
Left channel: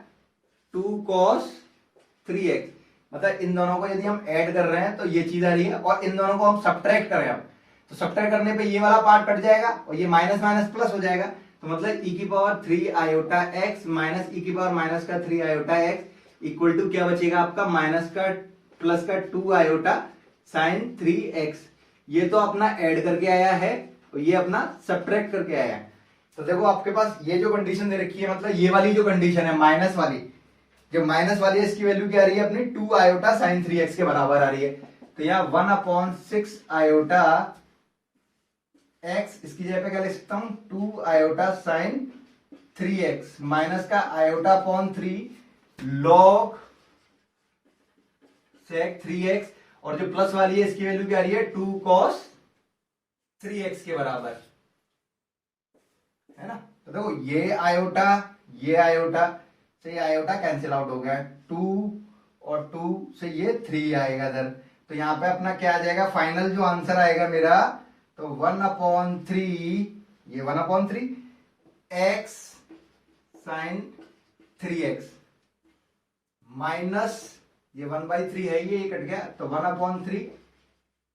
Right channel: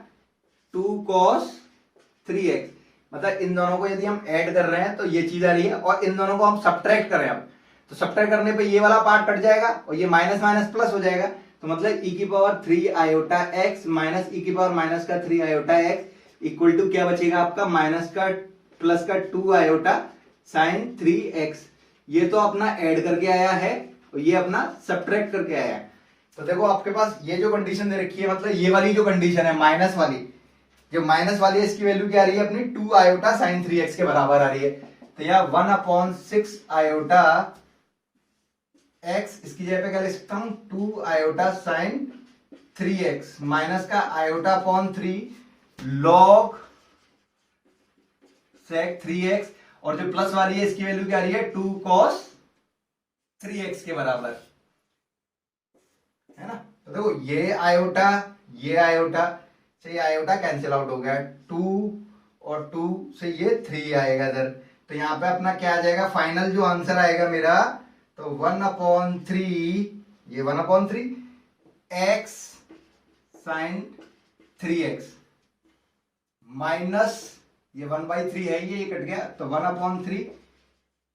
2 cos 3x। मतलब इन दोनों को यदि हम ऐड कर रहे हैं तो ये चीज आ रही है, और इन दोनों को हम सब्ट्रैक्ट करें अब, तो सब्ट्रैक्ट करने पे ये वाला पार्ट कट जाएगा और ये माइनस माइनस प्लस हो जाएगा। तो मतलब e की पावर 3 आयोटा x माइनस e की पावर माइनस का 3 आयोटा x इक्वल टू क्या बचेगा आपका, माइनस का प्लस का 2 आयोटा साइन 3x। ये तो अपना ऐड करके आया है और ये अपना सब्ट्रैक्ट करके आया है। तो देखो आपके पास ये जो कंडीशन दे रखी है, मतलब ये वाली जो कंडीशन है माइनस वाली, जो माइनस वाली है इसकी वैल्यू क्या आ रही है अपनी 2 आयोटा साइन 3x के बराबर आ रही है। तो यह 1/6 आयोटा x, इसकी जगह पे क्या लिख सकता हूं 2 आयोटा साइन 3x माइनस का iota upon 3 log sec 3x, और जो प्लस वाली है इसकी वैल्यू क्या आ रही है 2 cos 3x के बराबर, है ना। तो देखो ये आयोटा से ये आयोटा कैंसिल आउट हो गया, 2 और 2 से ये 3 आएगा इधर। तो यहां पे अपना क्या आ जाएगा, फाइनल जो आंसर आएगा मेरा, तो 1/3, ये 1/3 x साइन 3x माइनस ये 1/3 है, ये कट गया, तो 1/3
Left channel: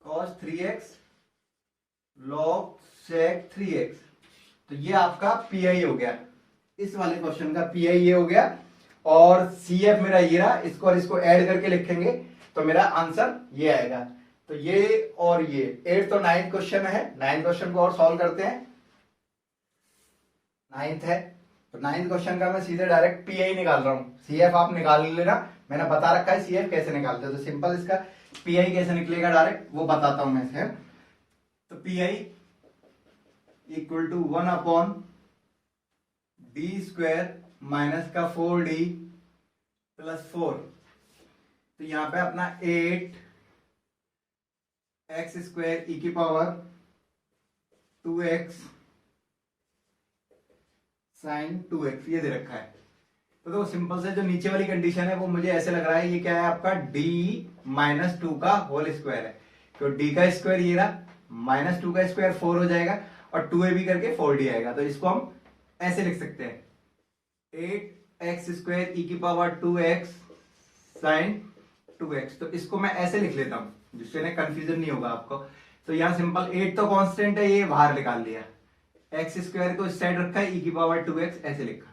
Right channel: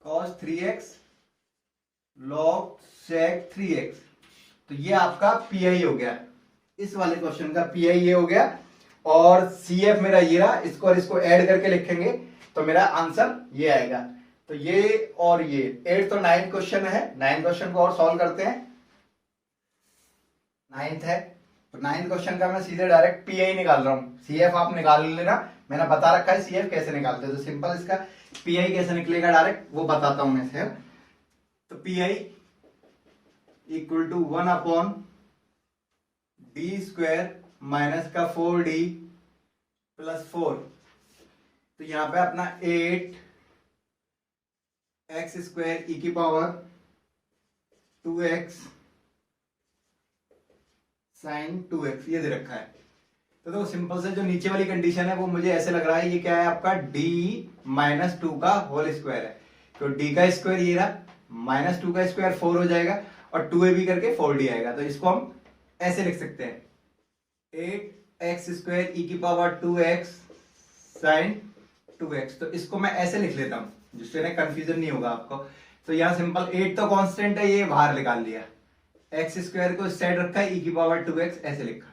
cos 3x log sec 3x। तो ये आपका पीआई हो गया, इस वाले क्वेश्चन का पीआई ये हो गया। और सीएफ मेरा ये रहा, इसको और इसको ऐड करके लिखेंगे तो मेरा आंसर ये आएगा। तो ये और ये 8 तो 9 क्वेश्चन है, 9 क्वेश्चन को और सॉल्व करते हैं। 9th है, तो 9th क्वेश्चन का मैं सीधे डायरेक्ट पीआई निकाल रहा हूं, सीएफ आप निकाल लेना, मैंने बता रखा है सीएफ कैसे निकालते हैं, तो सिंपल इसका पीआई कैसे निकलेगा डायरेक्ट वो बताता हूं मैं से। तो pi equal to 1/d² minus का 4d प्लस 4, तो यहां पे अपना 8 एक्स स्क्वायर ई की पावर 2x साइन 2x ये दे रखा है। तो देखो सिंपल से जो नीचे वाली कंडीशन है वो मुझे ऐसे लग रहा है ये क्या है आपका d माइनस 2 का होल स्क्वायर है, तो d का स्क्वायर ये रहा, माइनस 2 का स्क्वायर 4 हो जाएगा और 2ab करके 4d आएगा। तो इसको हम ऐसे लिख सकते हैं 8x स्क्वायर ई की पावर 2x साइन 2x। तो इसको मैं ऐसे लिख लेता हूं जिससे ना कंफ्यूजन नहीं होगा आपको। तो यहाँ सिंपल 8 तो कांस्टेंट है, ये बाहर निकाल लिया, एक्स स्क्वायर को इस साइड रखा है, ई की पावर 2x ऐसे लिखा।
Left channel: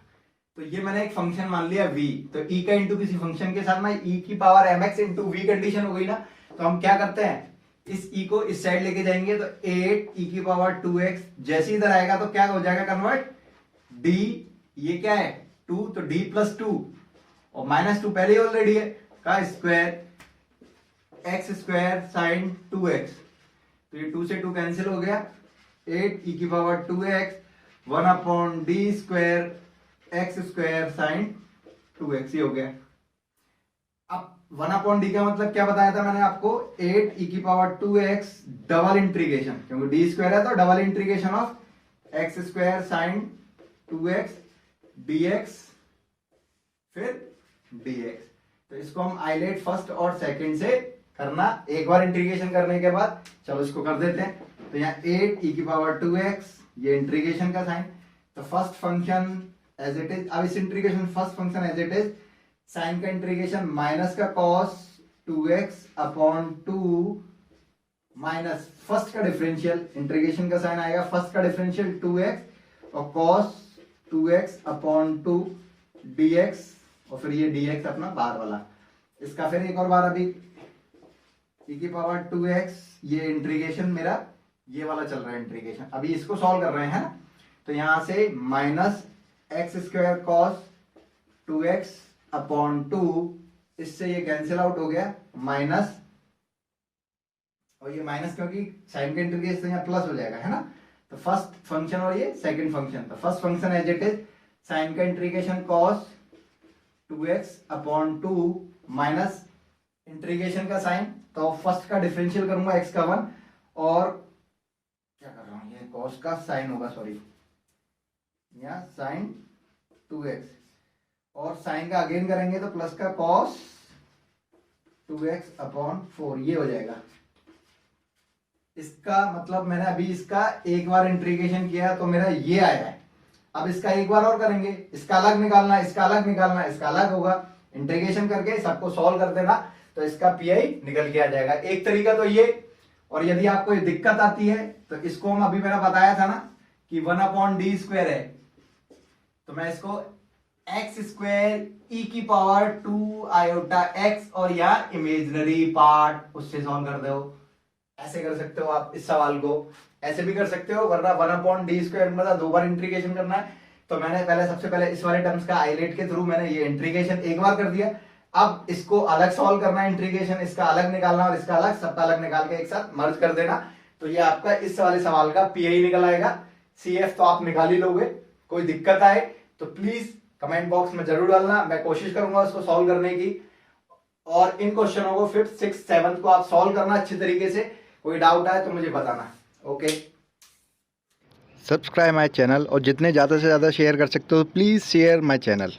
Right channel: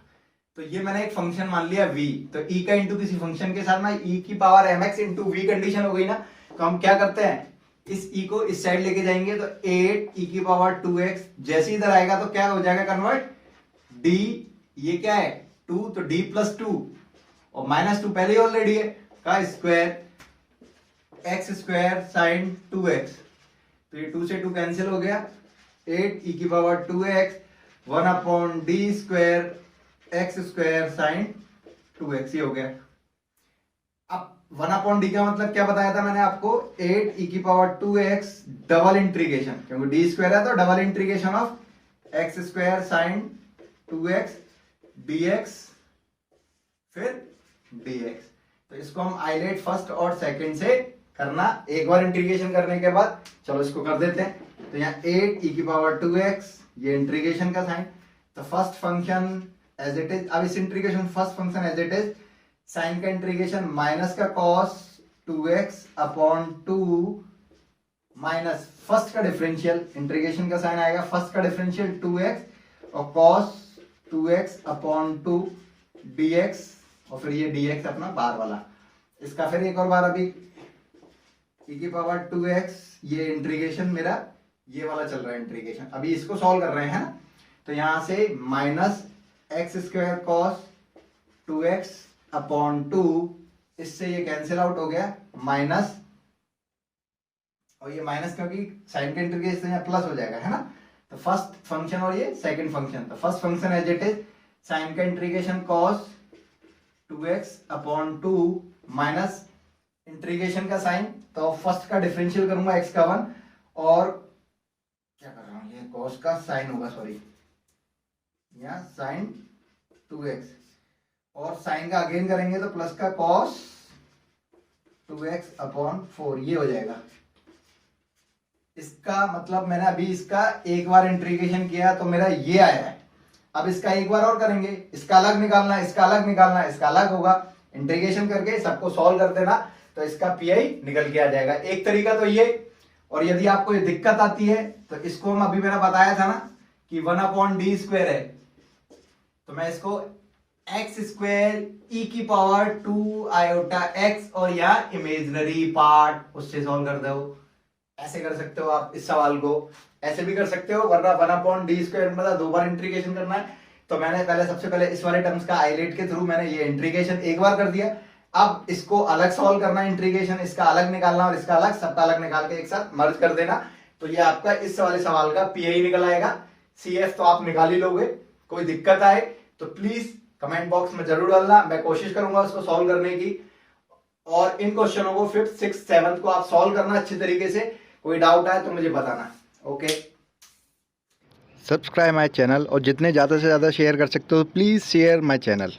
तो ये मैंने एक फंक्शन मान लिया v, तो e का इंटू किसी फंक्शन के साथ ना e की power mx into v condition हो गई ना। तो हम क्या करते हैं, इस e को इस साइड लेके जाएंगे, तो 8 e की पावर 2x जैसे इधर आएगा तो क्या हो जाएगा कन्वर्ट, d ये क्या है 2, तो d प्लस 2 और माइनस 2 पहले ही ऑलरेडी है का square X square sine 2x। तो ये 2 से 2 कैंसिल हो गया, 8 e की power 2x 1 upon D square X square sine 2x ये हो गया। अब 1 अपॉन डी का मतलब क्या बताया था मैंने आपको, 8 e की पावर 2x डबल इंटीग्रेशन, क्योंकि डी स्क्वायर है तो double integration of x square sine 2x dx फिर dx। तो इसको हम आइलेट फर्स्ट और सेकंड से करना, एक बार इंटीग्रेशन करने के बाद चलो इसको कर देते हैं। तो यहाँ 8 e की पावर 2x ये इंटीग्रेशन का साइन, तो first function as it is, अब इस integration first function as it is, sine का इंटीग्रेशन माइनस का cos 2x अपॉन 2 माइनस फर्स्ट का डिफरेंशियल, इंटीग्रेशन का साइन आएगा फर्स्ट का डिफरेंशियल 2x और cos 2x अपॉन 2 dx और फिर ये dx अपना बार वाला, इसका फिर एक और बार अभी e की पावर 2x ये इंटीग्रेशन मेरा ये वाला चल रहा है इंटीग्रेशन, अभी इसको सॉल्व कर रहे हैं। तो यहां से minus x square cos 2x upon 2, इससे ये कैंसिल आउट हो गया माइनस, और ये माइनस क्योंकि साइन का इंटीग्रेशन यहाँ प्लस हो जाएगा है ना। तो फर्स्ट फंक्शन और ये सेकंड फंक्शन, तो first function as it is sine का integration cos 2x upon 2 minus integration का साइन, तो फर्स्ट का डिफरेंशियल करूंगा x का 1 और क्या कर रहा हूं ये cos का साइन होगा, सॉरी यहाँ साइन 2x और साइन का अगेन करेंगे तो प्लस का cos 2x अपॉन 4 ये हो जाएगा। इसका मतलब मैंने अभी इसका एक बार इंटीग्रेशन किया तो मेरा ये आया है, अब इसका एक बार और करेंगे, इसका अलग निकालना है, इसका अलग निकालना है, इसका अलग होगा, इंटीग्रेशन करके सबको सॉल्व कर देना तो इसका पीआई निकल के आ जाएगा। एक तरीका तो ये, और यदि आपको ये दिक्कत आती है तो इसको हम अभी मैंने बताया था ना कि 1 अपॉन डी स्क्वायर है, तो मैं इसको एक्स स्क्वायर ई की पावर 2 आयोटा एक्स और यहाँ इमेजिनरी पार्ट उससे सॉल्व कर दो, ऐसे कर सकते हो आप इस सवाल को, ऐसे भी कर सकते हो, वरना 1 अपॉन डी स्क्वायर मतलब 2 बार इंटीग्रेशन करना है। तो मैंने पहले सबसे पहले इस वाले टर्म्स का आइलेट के थ्रू मैंने ये इंटीग्रेशन एक बार कर दिया, अब इसको अलग सॉल्व करना है इंटीग्रेशन, इसका अलग निकालना और इसका अलग, सबका अलग निकाल के एक साथ मर्ज कर देना, तो ये आपका इस वाले सवाल का पीआई निकल आएगा। सीएफ तो आप निकाल ही लोगे, कोई दिक्कत आए तो प्लीज कमेंट बॉक्स में जरूर डालना, मैं कोशिश करूंगा उसको सॉल्व करने की, और इन क्वेश्चनों को 5th 6th 7th को आप सॉल्व करना अच्छी तरीके से, कोई डाउट आए तो मुझे बताना। ओके, सब्सक्राइब माय चैनल और जितने ज़्यादा से ज़्यादा शेयर कर सकते हो प्लीज़ शेयर माय चैनल।